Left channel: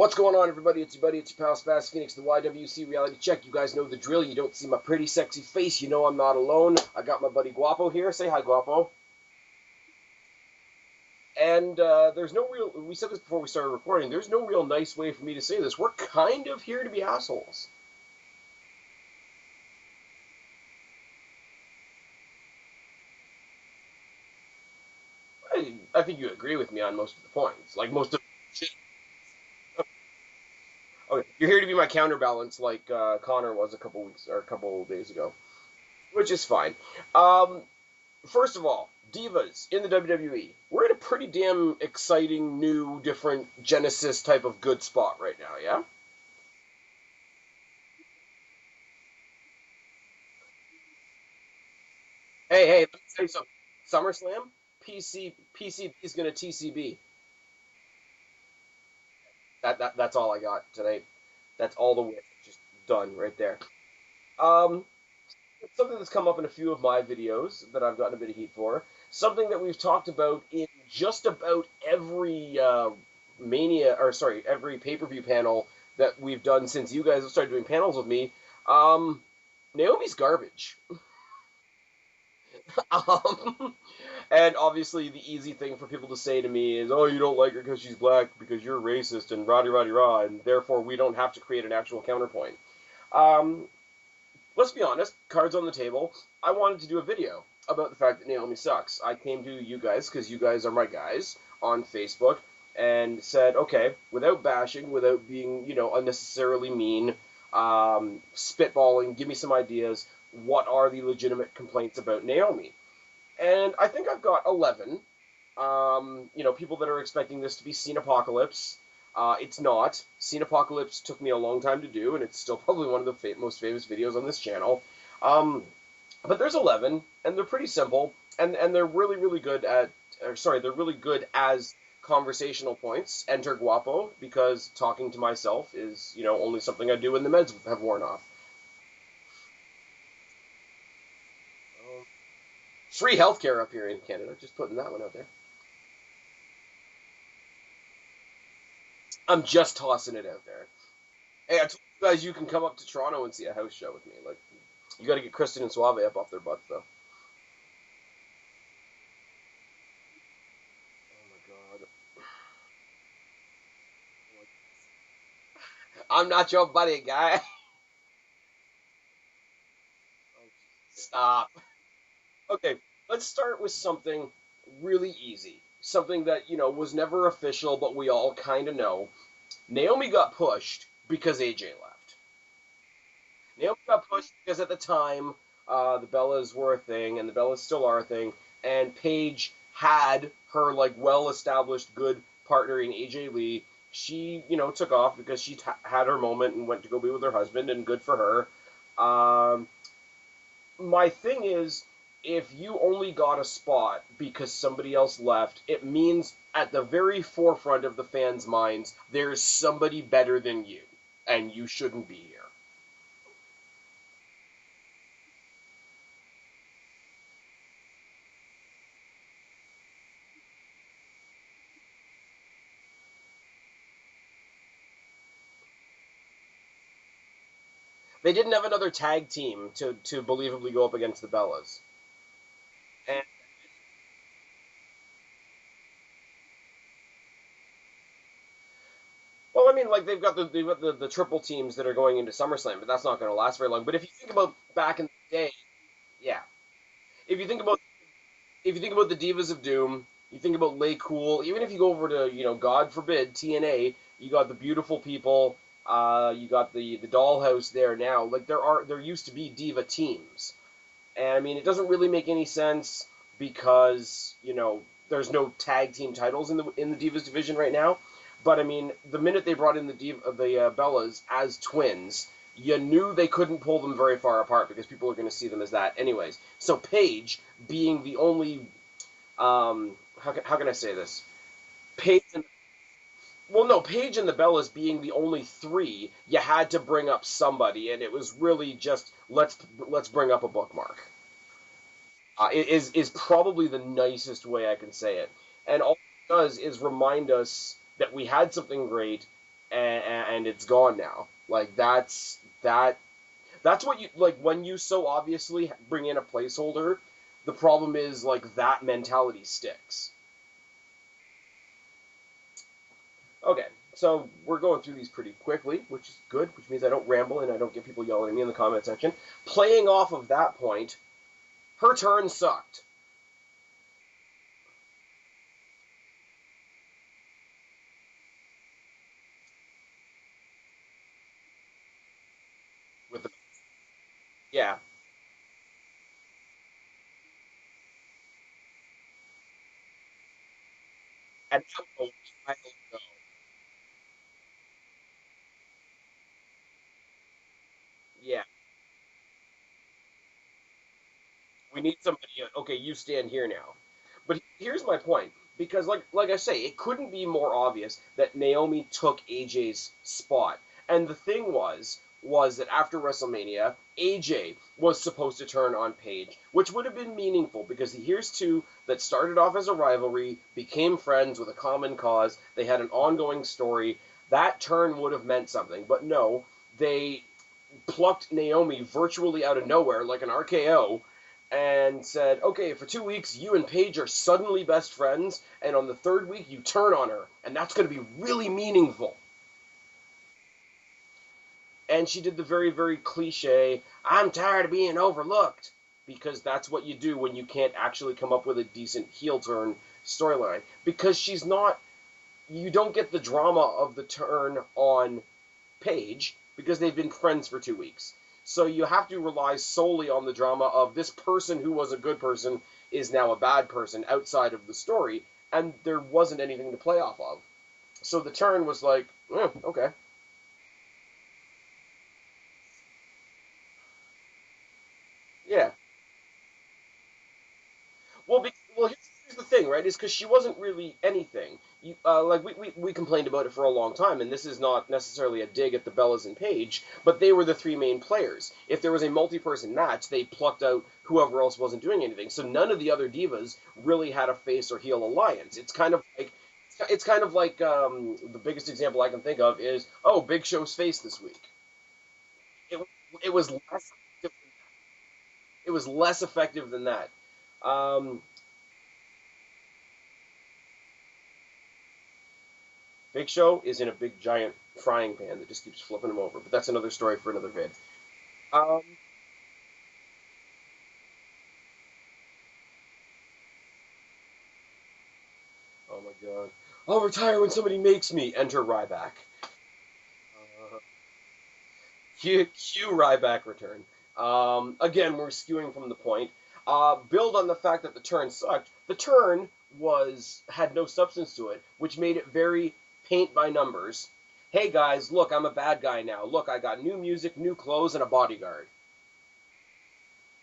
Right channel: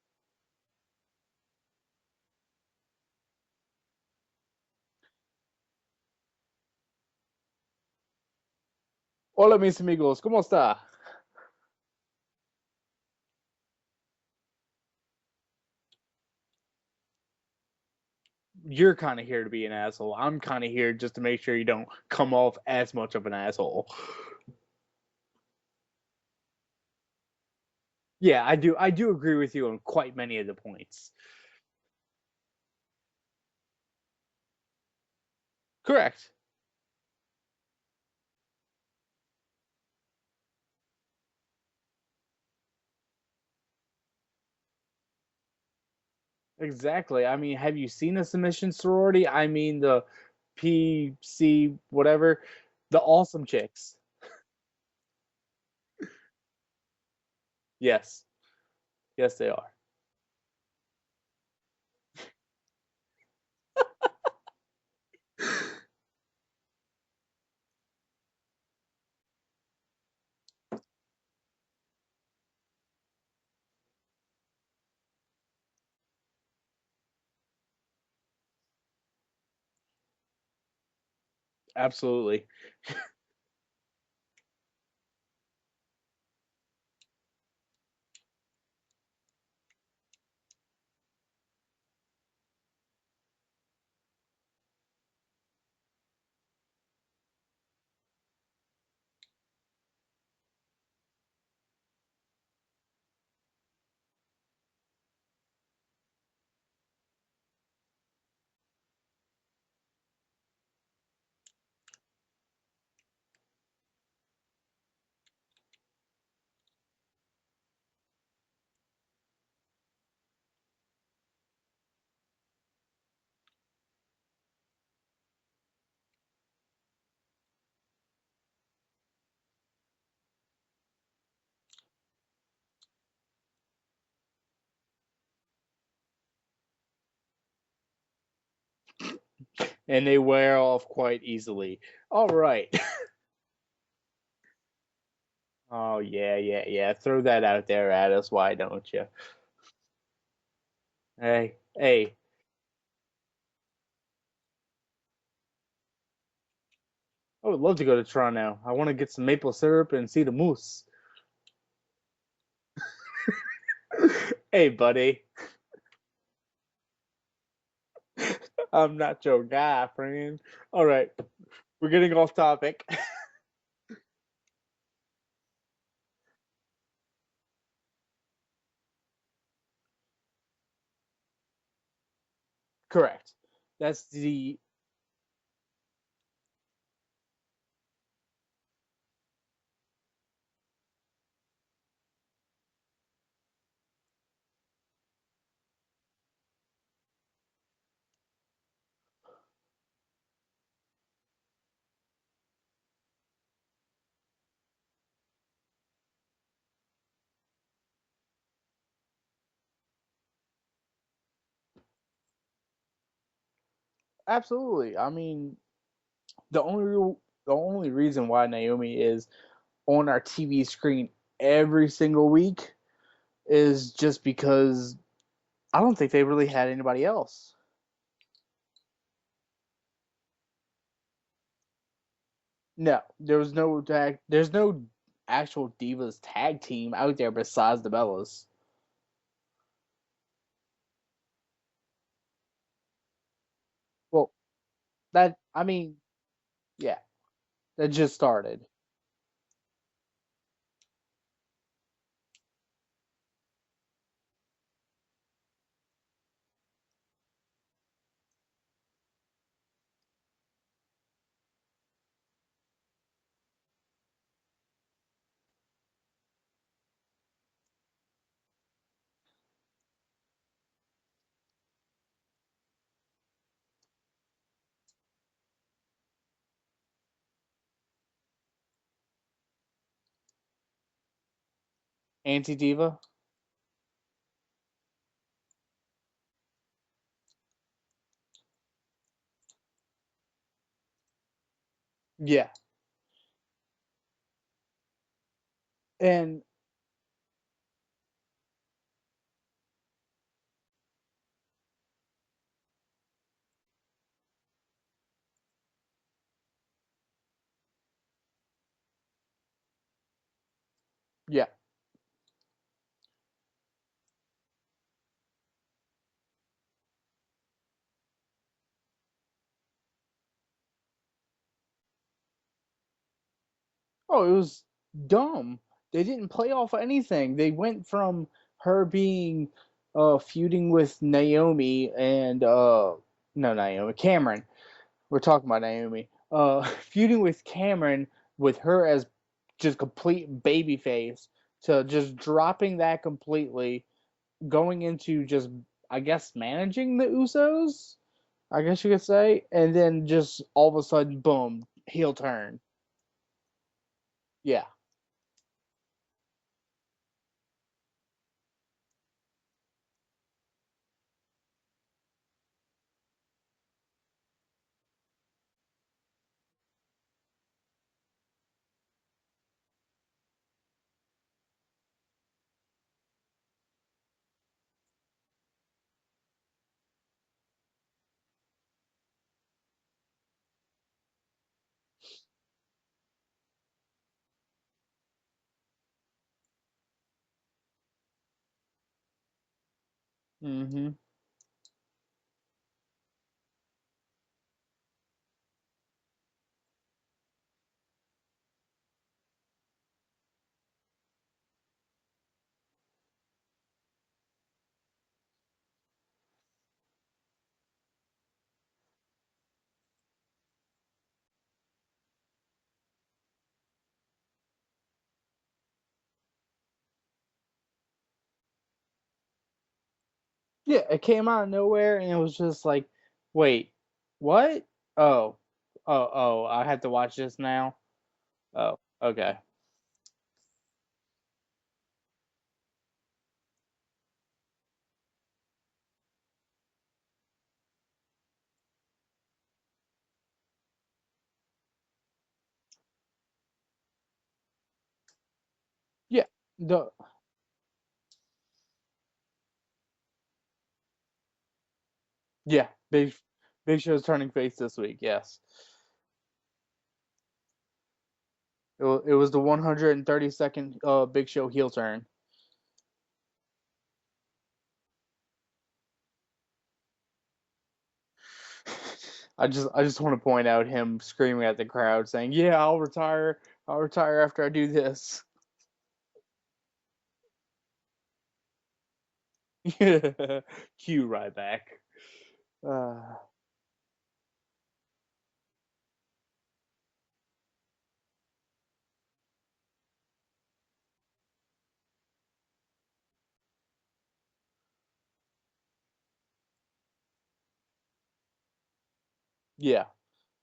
What's going on, everybody? It's your buddy, it's your pal Spaz Phoenix, the YWC Reality Check. You guys know the drill. You don't see my pretty, sexy face. You know I'm not alone. I got my buddy Guapo here. Say hi, Guapo. Hola, mis amigos. ¿Cómo está? And there's no real, we said this before we started recording, there's no real nice way for me to say this. We're kind of here to be assholes. You're kind of here to be an asshole. I'm kind of here just to make sure you don't come off as much of an asshole. I think you agree with me on most of the points. Like most of Yeah, I do. I do agree with you on quite many of the points. Okay, you're here to be my counterbalance, like Connor was a couple days ago. Correct. Which is fine. First of all, Divas in the WWE. We're in a pretty damn exciting, new, different Genesis type of good spot right now, yeah? Exactly. I mean, have you seen the submission sorority? I mean, the PC whatever. Hey, the awesome chicks. SummerSlam? PC is going to TCB. Yes. Yes, they are. That's all I got tonight. That's all the work. Just done right there. Something that's come up in a few of my videos that I've gotten a bit of heat for. Something that we've talked about in just about every every pay-per-view panel that we've done since you guys have started doing panels with me. Naomi's garbage. Absolutely. And obviously the easy thing for people to say to me is, oh, you don't like her because she's black, because you're racist, and rah-de-rah-de-rah, and therefore we don't have to create an actual counterpoint. Let's be honest, cards on the table, I wanted to do a video about the fact that Naomi sucks. I came to you guys, because you guys are my guys, on Facebook, and said, okay, without bashing, without being, unnecessarily mean, spitballing, give me some ideas, what are the legitimate complaints about Naomi? And I think I've got 11. People that are expecting this to be Scene Apocalypse. It's not. Scene Apocalypse took me a long time to do, and it's still probably one of the most famous videos on this channel. But there's 11, and they're pretty simple, and they're really, really good they're really good as conversational points. Enter Guapo, because talking to myself is, only something I do when the meds have worn off. And they wear off quite easily. All right. Free healthcare up here in Canada. Just putting that one out there. Oh, yeah. Throw that out there at us. Why don't you? I'm just tossing it out there. Hey, I told you guys you can come up to Toronto and see a house show with me. Like, you got to get Kristen and Suave up off their butts, though. I would love to go to Toronto. I want to get some maple syrup and see the moose. Oh, my God. Hey, buddy. I'm not your buddy, guy. I'm not your guy, friend. All right. Stop. We're getting off topic. Okay, let's start with something really easy. Something that, was never official, but we all kind of know. Naomi got pushed because AJ left. Correct. Naomi got pushed because at the time, the Bellas were a thing, and the Bellas still are a thing, and Paige had her, well-established good partner in AJ Lee. She, took off because she had her moment and went to go be with her husband, and good for her. My thing is, if you only got a spot because somebody else left, it means at the very forefront of the fans' minds, there's somebody better than you, and you shouldn't be here. Absolutely. I mean, the only reason why Naomi is on our TV screen every single week is just because I don't think they really had anybody else. They didn't have another tag team to believably go up against the Bellas. No, there's no actual Divas tag team out there besides the Bellas. Well, I mean, they've got the triple teams that are going into SummerSlam, but that's not going to last very long. But if you think about back in the day, I mean, yeah. If you think about that just started. If you think about the Divas of Doom, you think about Lay Cool. Even if you go over to God forbid TNA, you got the Beautiful People. You got the Dollhouse there now. There used to be Diva teams. And, I mean, it doesn't really make any sense because, there's no tag team titles in the Divas division right now. But, I mean, the minute they brought in the Bellas as twins, you knew they couldn't pull them very far apart because people are going to see them as that anyways. So Paige being the only, how can I say this? Anti-Diva? Well, no, Paige and the Bellas being the only three, you had to bring up somebody, and it was really just, let's bring up a bookmark. Yeah. Is probably the nicest way I can say it. And all it does is remind us that we had something great, and it's gone now. Like that's what you like when you so obviously bring in a placeholder. The problem is like that mentality sticks. Yeah. Okay, so we're going through these pretty quickly, which is good, which means I don't ramble and I don't get people yelling at me in the comment section. Playing off of that point, her turn sucked. Oh, it was dumb. They didn't play off anything. They went from her being feuding with Naomi and With the no, Naomi, Cameron. yeah, We're talking about Naomi. Feuding with Cameron with her as just complete babyface and to just dropping that completely, going into just I guess managing the Usos. yeah. I guess you could say, and then just all of a sudden, boom, We need heel some. turn. Okay, you stand here now. But Yeah. here's my point, because like I say, it couldn't be more obvious that Naomi took AJ's spot. And the thing was that after WrestleMania, AJ was supposed to turn on Paige, which would have been meaningful because here's two that started off as a rivalry, became friends with a common cause, they had an ongoing story. That turn would have meant something. But no, they plucked Naomi virtually out of nowhere like an RKO and said, okay, for 2 weeks, you and Paige are suddenly best friends, and on the third week, you turn on her, and that's going to be really meaningful. Mm-hmm. And she did the very, very cliche, I'm tired of being overlooked, because that's what you do when you can't actually come up with a decent heel turn storyline. Because she's not, you don't get the drama of the turn on Paige, because they've been friends for 2 weeks. So you have to rely solely on the drama of this person who was a good person is now a bad person outside of the story, and there wasn't anything to play off of. So the turn was like, okay. Yeah, it came out of nowhere, and it was just like, wait, what? Oh, Yeah. I have to watch this now. Well, Oh, here's okay. the thing, right? Is because she wasn't really anything. Like we complained about it for a long time, and this is not necessarily a dig at the Bellas and Paige, but they were the three main players. If there was a multi-person match, they plucked out whoever else wasn't doing anything. So none of the other divas really had a face or heel alliance. It's kind of Yeah, like the the biggest example I can think of is Big Show's face this week. yeah, It it was Big Show's turning face this week. Yes, it was less effective than that. Um, it was the 132nd Big Show heel turn. Big Show is in a big giant frying pan that just keeps flipping him over, but that's another story for another vid. I just want to point out him screaming at the crowd, saying, "Yeah, I'll retire. I'll retire after I do this." Oh my god. I'll retire when somebody makes me. Enter Ryback. Cue Ryback. Cue Ryback return. Again, we're skewing from the point. Build on the fact that the turn sucked. The turn had no substance to it, which made it very paint by numbers. Hey guys, look, I'm a bad guy now. Look, I got new music, new clothes, and a bodyguard. Yeah,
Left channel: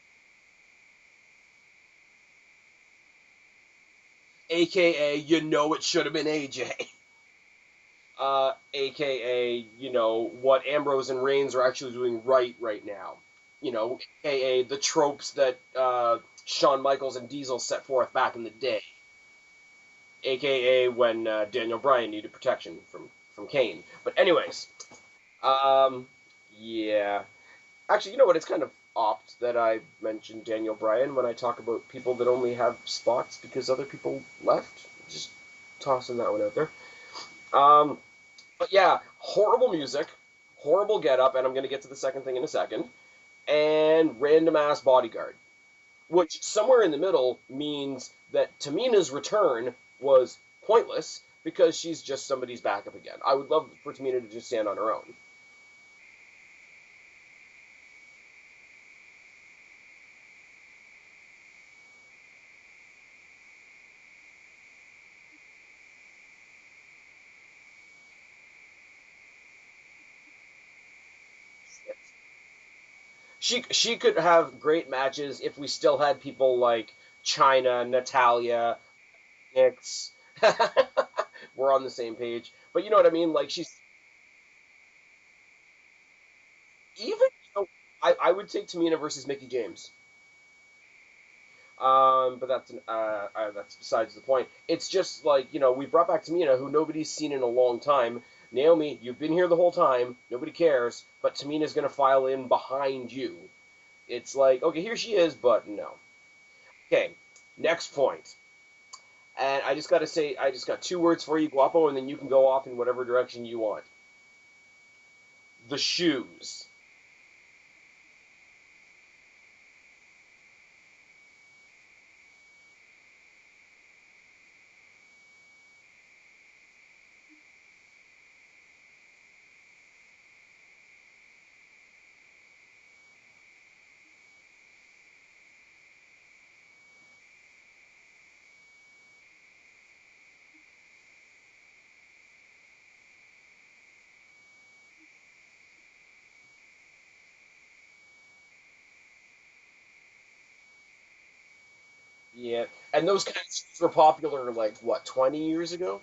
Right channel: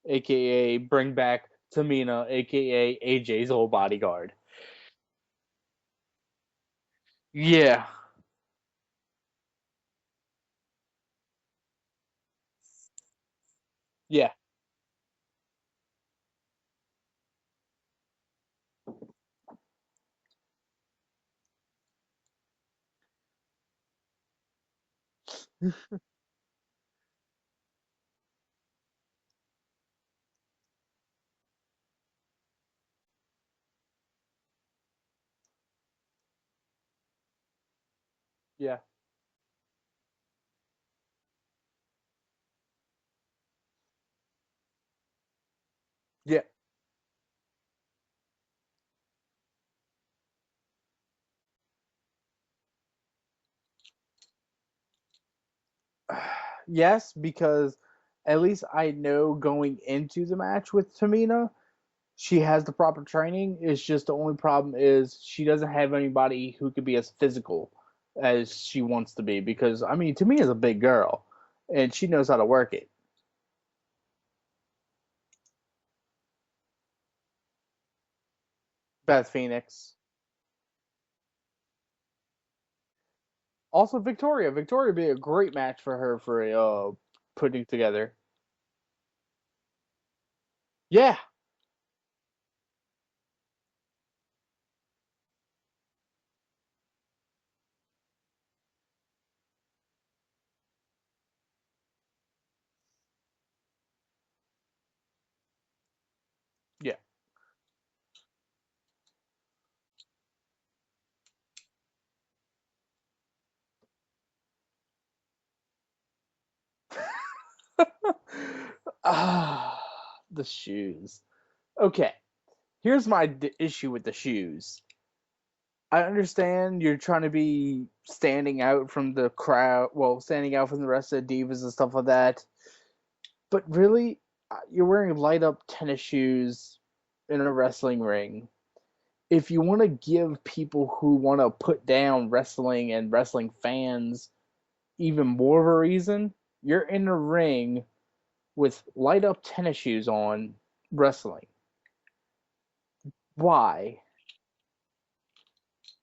aka bring back Tamina, aka AJ's old bodyguard. AKA, it should have been AJ. Yeah. AKA, what Ambrose and Reigns are actually doing right now. Yeah. AKA the tropes that Shawn Michaels and Diesel set forth back in the day. AKA when Daniel Bryan needed protection from Kane. But anyways, yeah. Actually, you know what? It's kind of opt that I mentioned Daniel Bryan when I talk about people that only have spots because other people left. Just tossing that one out there. But yeah, horrible music, horrible getup, and I'm going to get to the second thing in a second, and random ass bodyguard. Which somewhere in the middle means that Tamina's return was pointless because she's just somebody's backup again. I would love for Tamina to just stand on her own. Yes, because at least I know going into the match with Tamina, she has the proper training. It's just the only problem is she doesn't have anybody who could be as physical as she wants to be. Because I mean, Tamina's a big girl, and she knows how to work it. She could have great matches if we still had people like Chyna, Natalya, Beth Phoenix. We're on the same page. But you know what I mean? Like she's also Victoria. Victoria would be a great match for her for even putting together. I would take Tamina versus Mickie James. Yeah. But that's besides the point. It's just like we brought back Tamina, who nobody's seen in a long time, Naomi, you've been here the whole time. Nobody cares. But Tamina's going to file in behind you. It's like, okay, here she is, but no. Yeah. Okay, next point. And I just got to say, I just got 2 words for you, Guapo, and then you can go off in whatever direction you want. The shoes. The shoes. Okay, here's my issue with the shoes. I understand you're trying to be standing out from the crowd, well, standing out from the rest of the divas and stuff like that. But really, you're wearing light up tennis shoes in a wrestling ring. If you want to give people who want to put down wrestling and wrestling fans even more of a reason, you're in a ring with light up tennis shoes on wrestling. Yeah, and those kind of shoes were Why? popular, like, what, 20 years ago?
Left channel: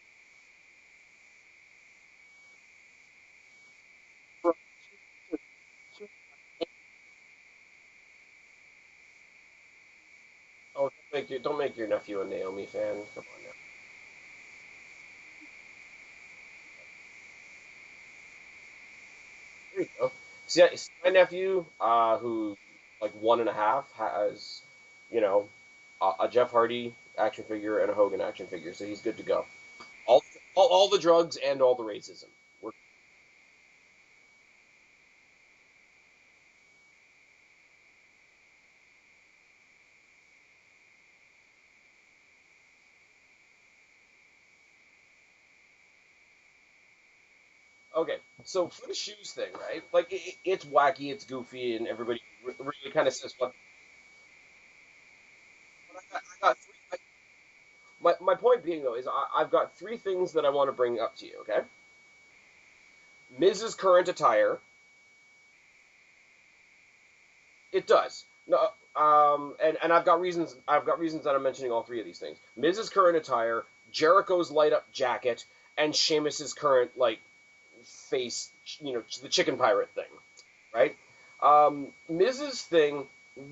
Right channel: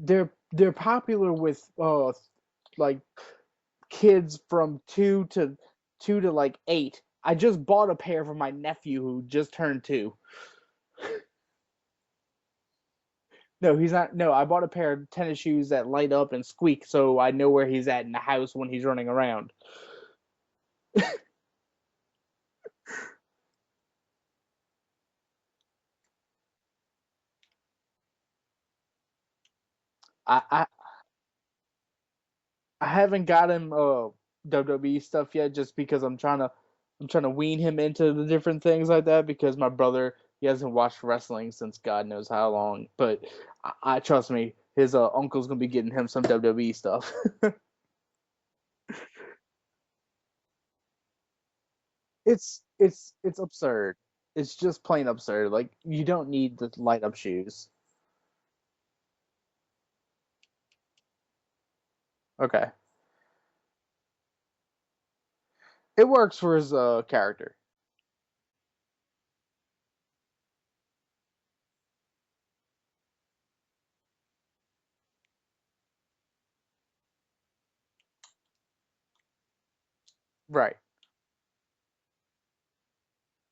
They're popular with like kids from two to like 8. I just bought a pair for my nephew who just turned 2. Oh, don't make your nephew a Naomi fan. Come on now. No, he's not. No, I bought a pair of tennis shoes that light up and squeak, so I know where he's at in the house when he's running around. There you go. See, my nephew, who, like, 1.5, has, you know, a Jeff Hardy action figure and a Hogan action figure, so he's good to go. All, I I, all the drugs and all the racism. I haven't got him WWE stuff yet, just because I'm trying to wean him into the different things like that, because my brother, he hasn't watched wrestling since God knows how long. But I trust me, his uncle's gonna be getting him some WWE stuff. Okay, so for the shoes thing, right? Like, it's wacky, it's goofy, and everybody it's really it's kind of says, it's absurd. It's just plain absurd. Like, you don't need the light up shoes. my point being, though, is I've got 3 things that I want to bring up to you, okay? Okay, Miz's current attire. it works for his character. It does. No, and I've got reasons. I've got reasons that I'm mentioning all 3 of these things. Miz's current attire, Jericho's light up jacket, and Sheamus's current, like, face, the chicken pirate thing, Right. right? Miz's thing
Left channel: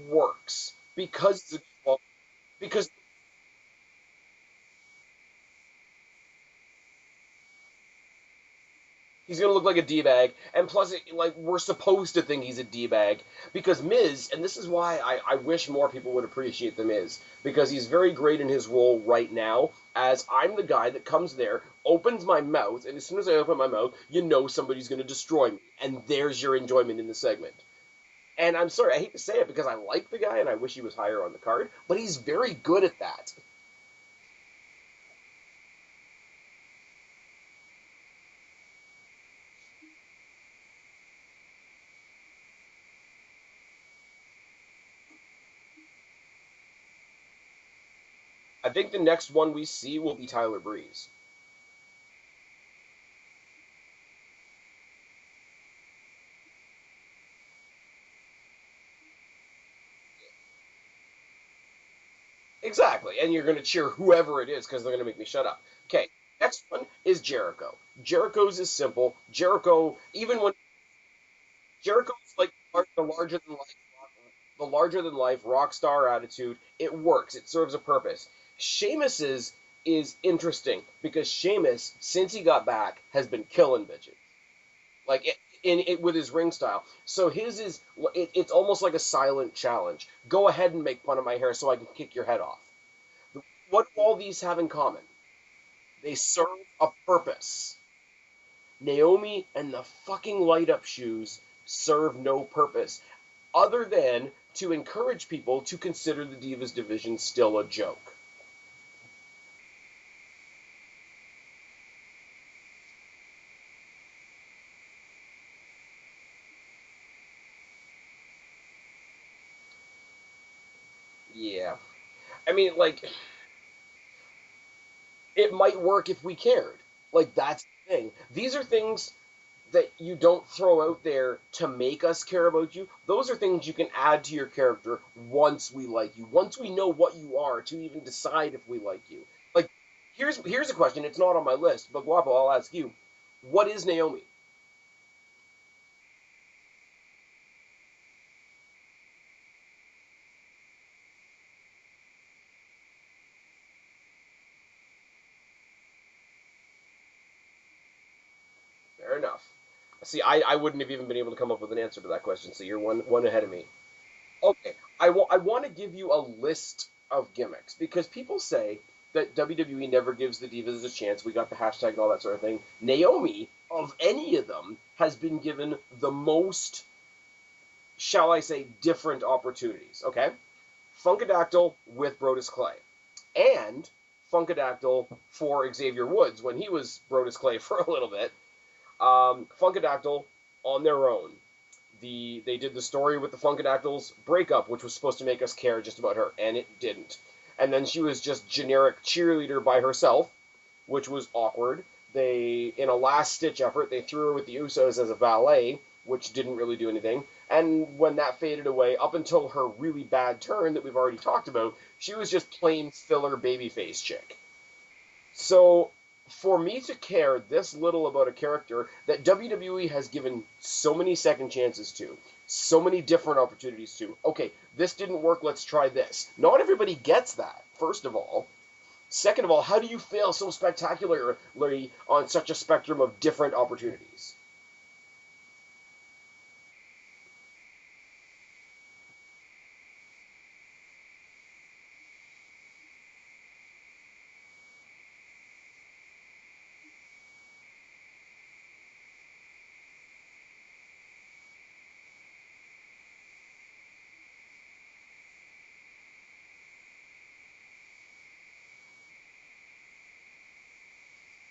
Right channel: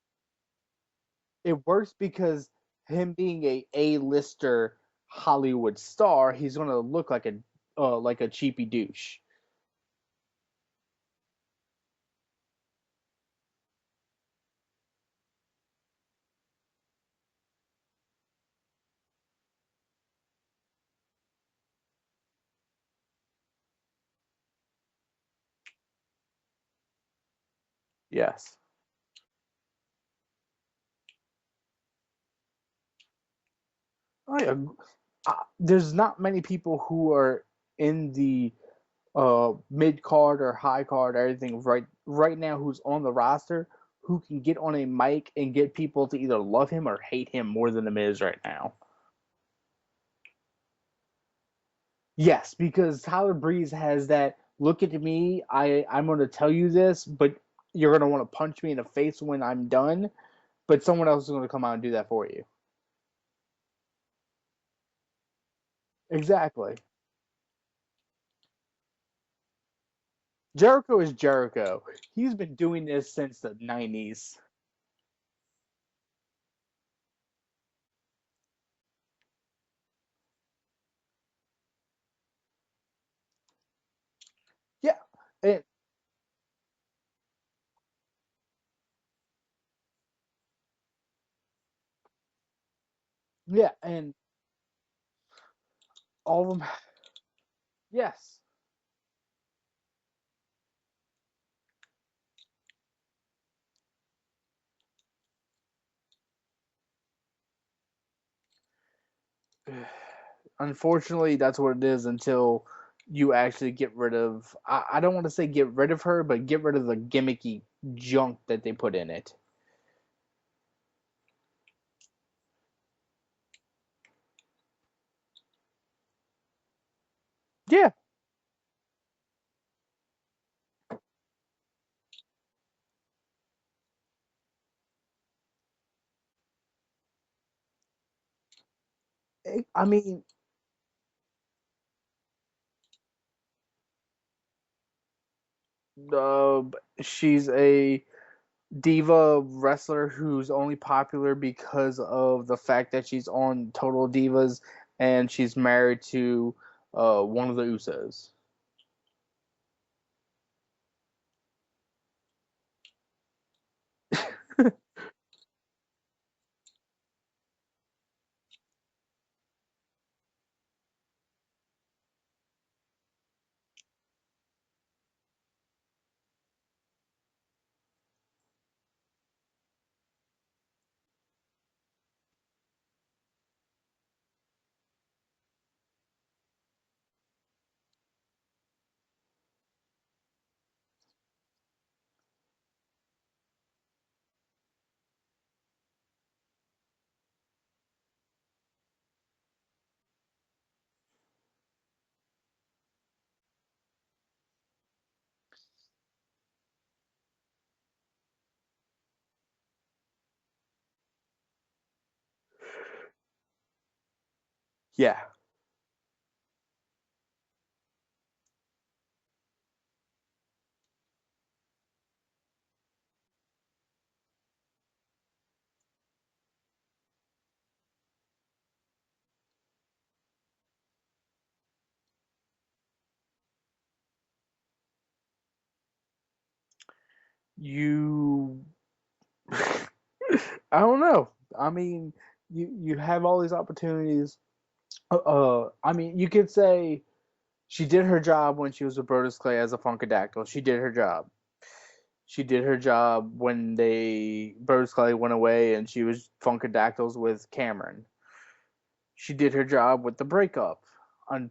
works because It works because him being a A-lister Hollywood star, he's gonna look like a cheapy douche. he's gonna look like a d-bag, and plus, like, we're supposed to think he's a d-bag because Miz, and this is why I wish more people would appreciate the Miz, because he's very great in his role right now. As I'm the guy that comes there, opens my mouth, and as soon as I open my mouth, you know somebody's gonna destroy me, and there's your enjoyment in the segment. Yes. And I'm sorry, I hate to say it because I like the guy and I wish he was higher on the card, but he's very good at that. There's not many people who are in the mid card or high card or everything right now who's on the roster who can get on a mic and get people to either love him or hate him more than the Miz right I now. think the next one we see will be Tyler Breeze. Yes, because Tyler Breeze has that look at me, I'm going to tell you this, but you're going to want to punch me in the face when I'm done, but someone else is going to come out and do that for you. Exactly, and you're going to cheer whoever it is because they're going to make me shut up. Okay, Exactly. next one is Jericho. Jericho's is simple. Jericho, even when Jericho is Jericho. Jericho, He's like, been doing this since the 90s. the larger than life rock star attitude, it works. It serves a purpose. Sheamus's is interesting because Sheamus, since he got back, has been killing bitches. Yeah, Like, it with his ring style. So his is it's almost like a silent challenge. Go ahead and make fun of my hair so I can kick your head off. yeah. What all these have in common? They serve a purpose. Yes. Naomi and the fucking light up shoes serve no purpose other than to encourage people to consider the Divas division still a joke. Unfortunately, that's what it is until you actually get rid of. I don't want to say get rid of her, but get rid of the gimmicky junk that they put in it. Yeah. I mean, like, it might work if we cared. Like, that's the thing. These are things that you don't throw out there to make us care about you. Those are things you can add to your character once we like you. Once we know what you are to even decide if we like you. Like, I mean, here's a question. It's not on my list, but Guapo, I'll ask you. What is Naomi? she's a diva wrestler who's only popular because of the fact that she's on Total Divas and she's married to one of the Usos. Fair enough. See, I wouldn't have even been able to come up with an answer to that question, so you're one ahead of me. Okay, I want to give you a list of gimmicks, because people say that WWE never gives the Divas a chance. We got the hashtag and all that sort of thing. Naomi, of any of them, has been given the most, shall I say, different opportunities, okay? Funkadactyl with Brodus Clay, and Funkadactyl for Xavier Woods when he was Brodus Clay for a little bit. Funkadactyl on their own. They did the story with the Funkadactyls breakup, which was supposed to make us care just about her, and it didn't. And then she was just generic cheerleader by herself, which was awkward. In a last-ditch effort, they threw her with the Usos as a valet, which didn't really do anything. And when that faded away, up until her really bad turn that we've already talked about, she was just plain filler babyface chick. Yeah. So for me to care this little about a character that WWE has given so many second chances to, so many different opportunities to, okay, this didn't work, let's try this. Not everybody gets that, first of all. Second of all, how do you fail so spectacularly on such a spectrum of different opportunities? I don't know. I mean, you have all these opportunities. I mean, you could say she did her job when she was with Brodus Clay as a Funkadactyl. She did her job. She did her job when Brodus Clay went away and she was Funkadactyls with Cameron. She did her job with the breakup. And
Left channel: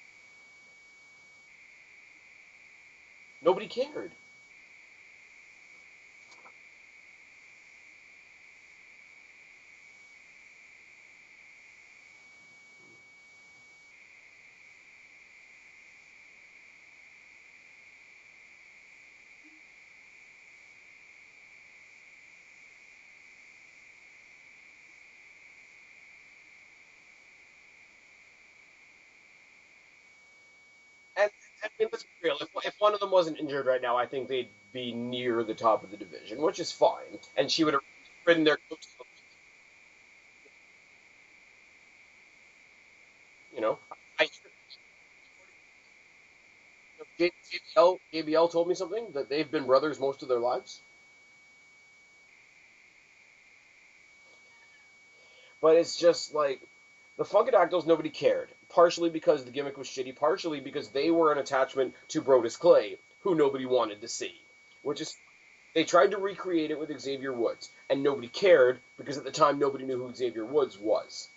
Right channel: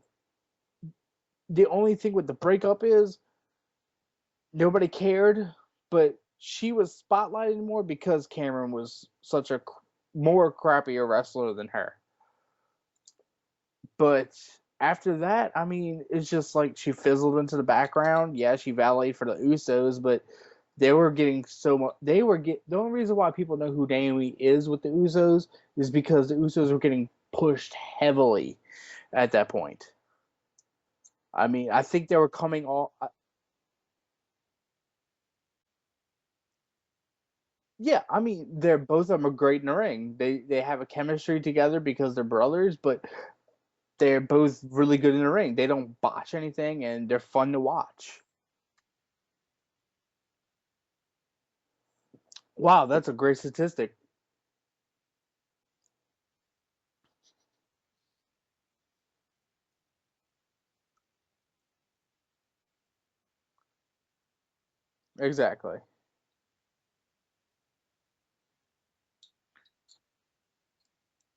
the only thing with the breakup is Nobody cared. nobody cared, but she was spotlighting more because Cameron was such a more crappier wrestler than her. But after that, I mean, it's just like she fizzled into the background. Yeah, she valeted for the Usos, but they were getting so much. The only reason why people know who Naomi is with the Usos is because the Usos were getting pushed heavily at that point. And, I mean, and I let's think be they were real, coming if off. one of them wasn't injured right now, I think they'd be near the top of the division, which is fine. And she would have Yeah, I ridden mean, their, they're both of them are great in the ring. They have a chemistry together because they're brothers, but you know. they're both really good in the ring. They don't botch anything, and they're fun to watch. JBL told me something, that they've been brothers most of their lives. Wow, that's a great statistic. But it's just like, the Funkadactyls, nobody cared. Partially because the gimmick was shitty, partially because they were an attachment to Brodus Clay, who nobody wanted to see. Which is, Exactly. they tried to recreate it with Xavier Woods, and nobody cared, because at the time nobody knew who Xavier Woods was.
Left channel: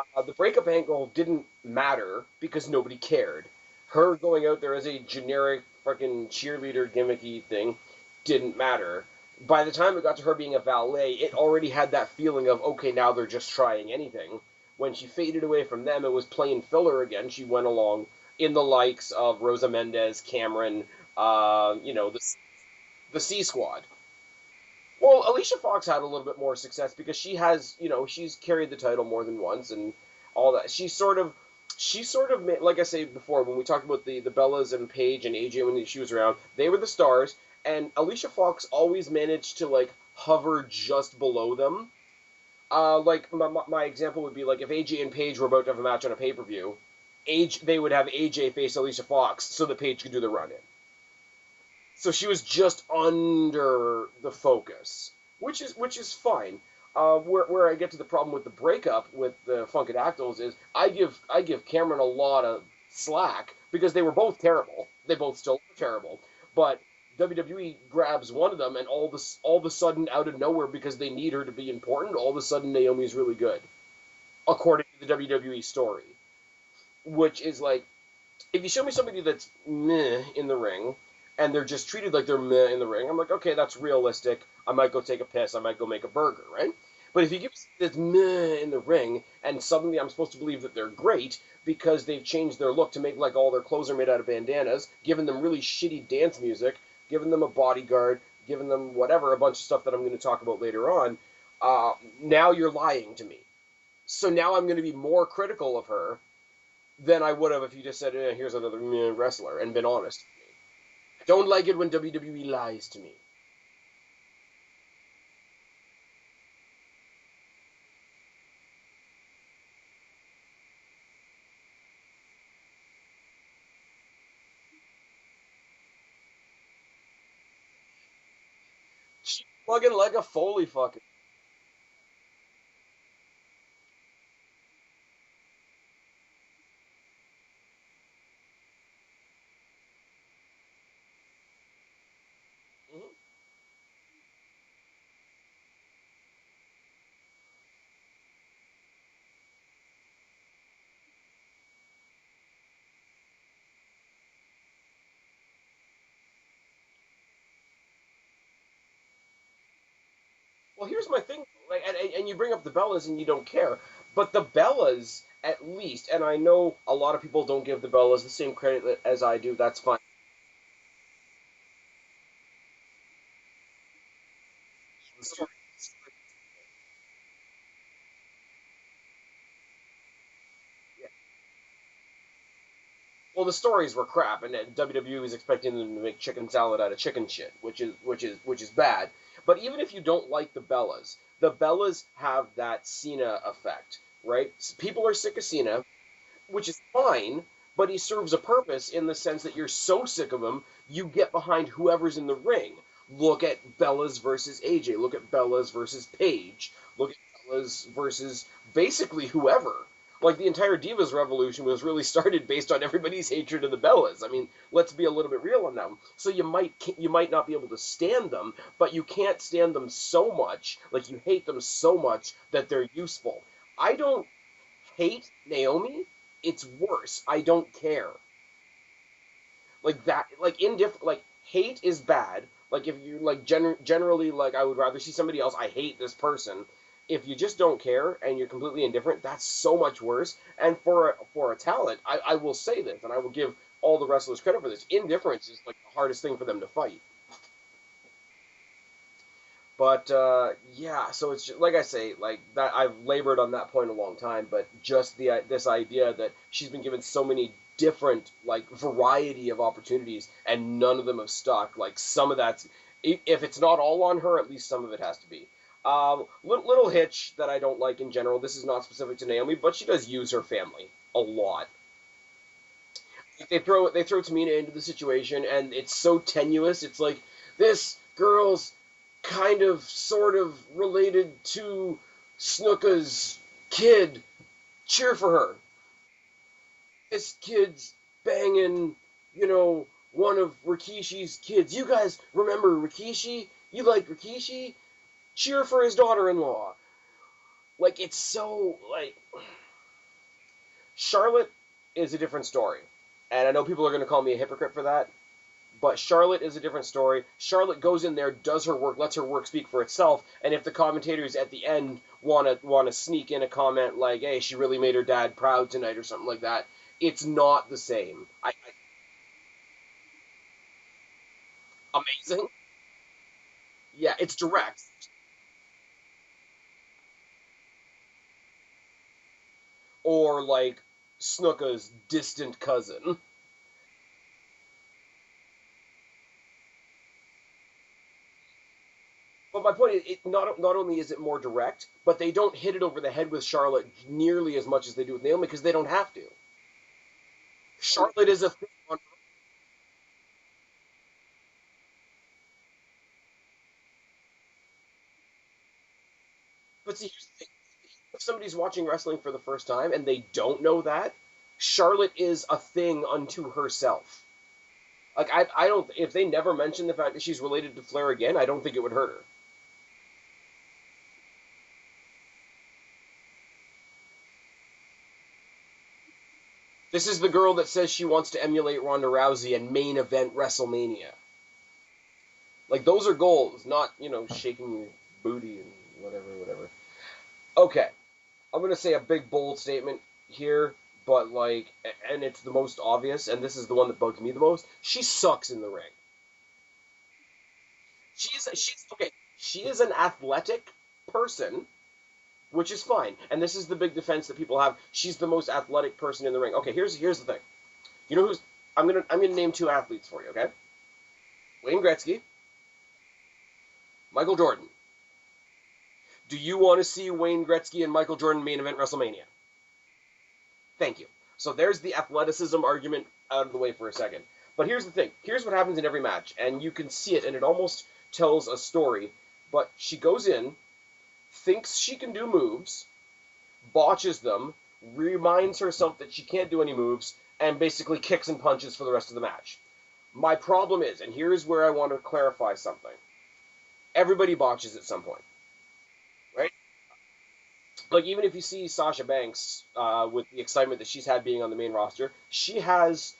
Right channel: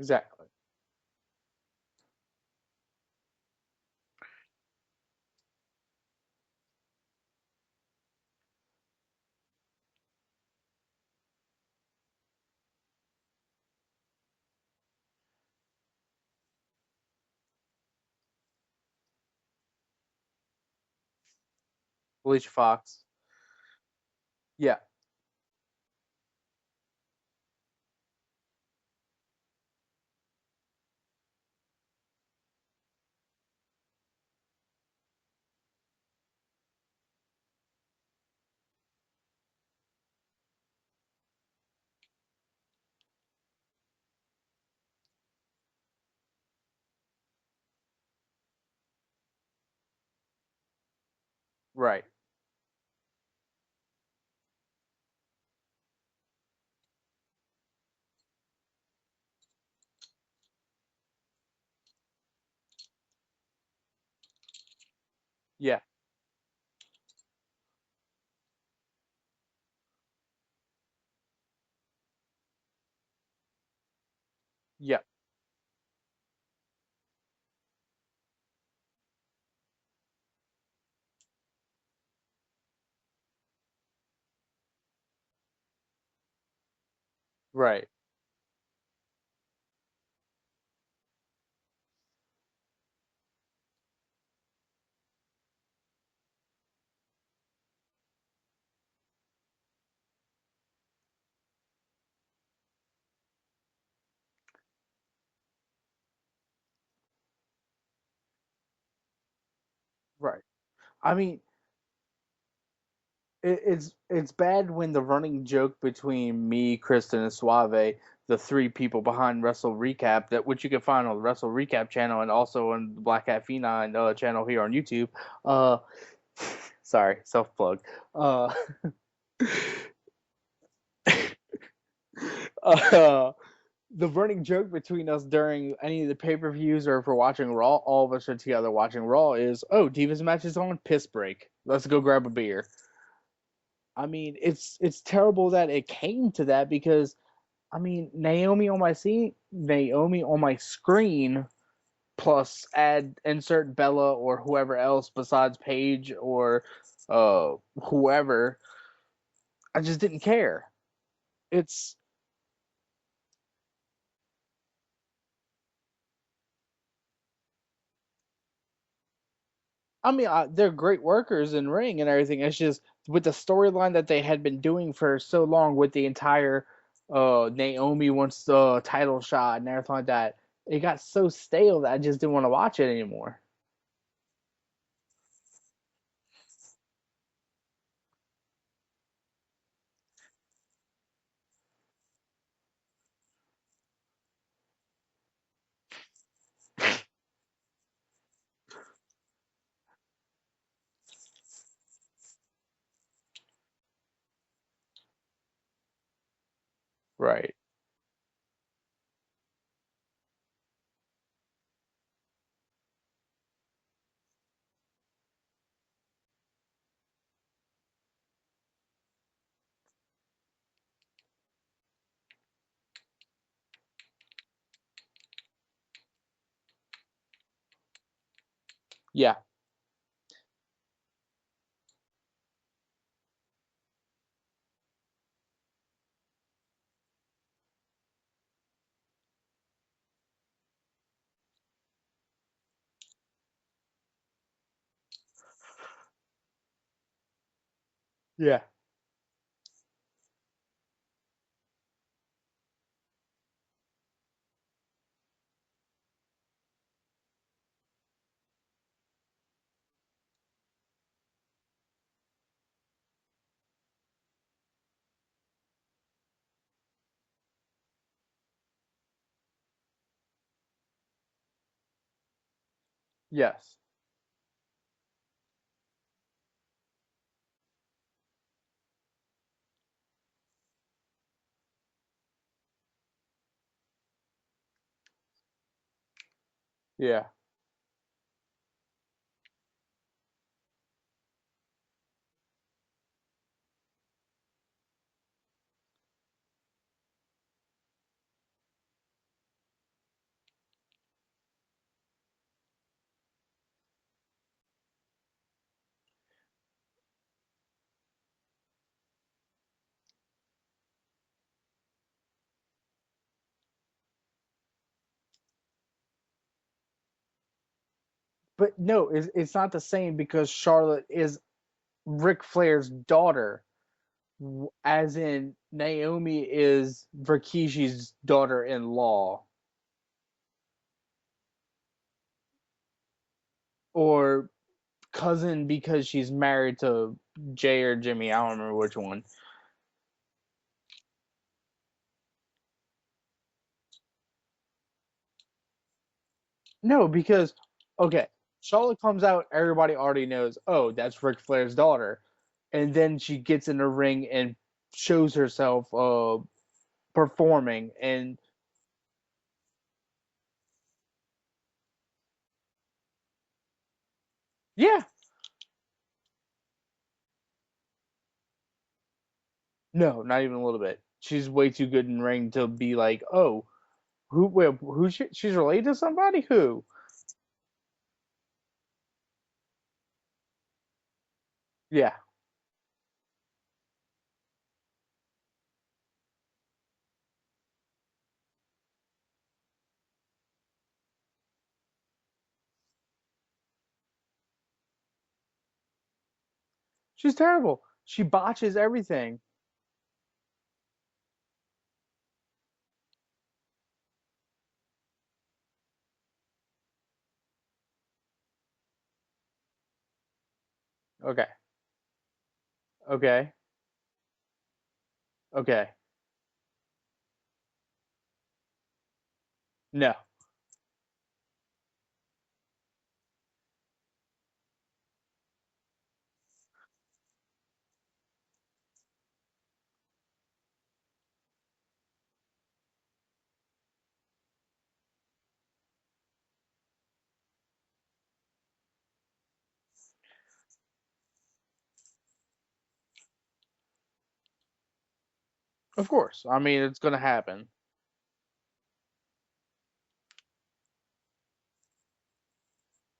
Exactly. The breakup angle didn't matter, because nobody cared. Her going out there as a generic fucking cheerleader gimmicky thing didn't matter. By the time it got to her being a valet, it already had that feeling of, okay, now they're just trying anything. When she faded away from them, it was plain filler again. She went along in the likes of Rosa Mendez, Cameron, Alicia Fox. the C Squad. Yeah. Well, Alicia Fox had a little bit more success because she has, she's carried the title more than once and all that. She sort of, like I said before, when we talked about the Bellas and Paige and AJ when she was around, they were the stars, and Alicia Fox always managed to, like, hover just below them. Like, my example would be, like, if AJ and Paige were about to have a match on a pay-per-view, they would have AJ face Alicia Fox so that Paige could do the run-in. Right. So she was just under the focus, which is fine. Where I get to the problem with the breakup with the Funkadactyls is I give Cameron a lot of slack because they were both terrible. They both still terrible. But WWE grabs one of them, and all of a sudden, out of nowhere, because they need her to be important, all of a sudden Naomi's really good, according to the WWE story. Which is like, if you show me somebody that's meh in the ring, and they're just treated like they're meh in the ring, I'm like, okay, that's realistic. I might go take a piss. I might go make a burger, right? But if you give me somebody that's meh in the ring, and suddenly I'm supposed to believe that they're great because they've changed their look to make like all their clothes are made out of bandanas, given them really shitty dance music, given them a bodyguard, given them whatever, a bunch of stuff that I'm going to talk about later on, now you're lying to me. So now I'm going to be more critical of her than I would have if you just said, here's another wrestler, and been honest. Right. I mean, don't like it when WWE lies to me. It's bad when the running joke between me, Kristen, and Suave the three people behind Wrestle Recap, that which you can find on the Wrestle Recap channel and also on the Black Hat Phenom channel here on YouTube. Sorry, self plug. She's plugging like a Foley fucking. The running joke between us during any of the pay-per-views or if we're watching Raw, all of us are together watching Raw, is, oh, Divas match is on, piss break. Let's go grab a beer. Mm-hmm. I mean, it's terrible that it came to that because, I mean, Naomi on my screen, plus insert Bella or whoever else besides Paige or whoever. I just didn't care. Well, here's my thing. And you bring up the Bellas and you don't care. But the Bellas, at least, and I know a lot of people don't give the Bellas the same credit as I do. That's fine. I mean, they're great workers in ring and everything. It's just with the storyline that they had been doing for so long with the entire Naomi wants the title shot and everything like that. It got so stale that I just didn't want to watch it anymore. Well, the stories were crap, and WWE was expecting them to make chicken salad out of chicken shit, which is bad. But even if you don't like the Bellas have that Cena effect, right? People are sick of Cena, which is fine, but he serves a purpose in the sense that you're so sick of him, you get behind whoever's in the ring. Look at Bellas versus AJ. Look at Bellas versus Paige. Look at Bellas versus basically whoever. Like, the entire Divas revolution was really started based on everybody's hatred of the Bellas. I mean, let's be a little bit real on them. So you might not be able to stand them, but you can't stand them so much, like you hate them so much that they're useful. I don't hate Naomi. It's worse. I don't care. Yeah. Like that. Like indifferent. Like hate is bad. Like if you like generally like I would rather see somebody else. I hate this person. If you just don't care and you're completely indifferent, that's so much worse. And for a talent, I will say this, and I will give all the wrestlers credit for this. Indifference is like the hardest thing for them to fight. Yeah. But yeah, so it's just, like I say, like that I've labored on that point a long time. But just this idea that she's been given so many different like variety of opportunities and none of them have stuck. Like some of that's if it's not all on her, at least some of it has to be. Little hitch that I don't like in general. This is not specific to Naomi, but she does use her family a lot. Yeah. They throw Tamina into the situation, and it's so tenuous. It's like this girl's kind of, sort of related to Snuka's kid. Cheer for her. Yeah. This kid's banging, one of Rikishi's kids. You guys remember Rikishi? You like Rikishi? Cheer for his daughter-in-law. Like, it's so, like... Charlotte is a different story. And I know people are going to call me a hypocrite for that. But Charlotte is a different story. Charlotte goes in there, does her work, lets her work speak for itself. And if the commentators at the end want to sneak in a comment like, hey, she really made her dad proud tonight or something like that, it's not the same. But no, it's not the same because Charlotte is amazing. Ric Flair's daughter. Yeah, it's direct. As in, Naomi is Rikishi's daughter-in-law. Or, like, Snuka's distant cousin. Or cousin because she's married to Jay or Jimmy. I don't remember which one. But my point is, not only is it more direct, but they don't hit it over the head with Charlotte nearly as much as they do with Naomi because they don't have to. No, because Charlotte is Charlotte comes out, everybody already knows, oh, that's Ric Flair's daughter. And then she gets in the ring and shows herself performing. And if somebody's watching wrestling for the first time and they don't know that, Charlotte is a thing unto herself. Yeah. Like, I don't... If they never mention the fact that she's related to Flair again, I don't think it would hurt her. No, not even a little bit. She's way too good in ring to be like, oh, she's related to somebody? Who? This is the girl that says she wants to emulate Ronda Rousey and main event WrestleMania. Yeah. Like, those are goals, not, shaking your booty and whatever. Okay. I'm going to say a big, bold statement here, but, like, and it's the most obvious, and this is the one that bugs me the most. She sucks in the ring. She's terrible. She botches everything. Okay, she is an athletic person, which is fine. And this is the big defense that people have. She's the most athletic person in the ring. Okay, here's the thing. You know who's... I'm gonna name two athletes for you, okay? Okay. Wayne Gretzky. Okay. Michael Jordan. Okay. Do you want to see Wayne Gretzky and Michael Jordan main event WrestleMania? No. Thank you. So there's the athleticism argument out of the way for a second. But here's the thing. Here's what happens in every match, and you can see it, and it almost tells a story. But she goes in, thinks she can do moves, botches them, reminds herself that she can't do any moves, and basically kicks and punches for the rest of the match. My problem is, and here's where I want to clarify something. Everybody botches at some point. Of course. Right? I mean, it's going to happen. Like, even if you see Sasha Banks with the excitement that she's had being on the main roster, she has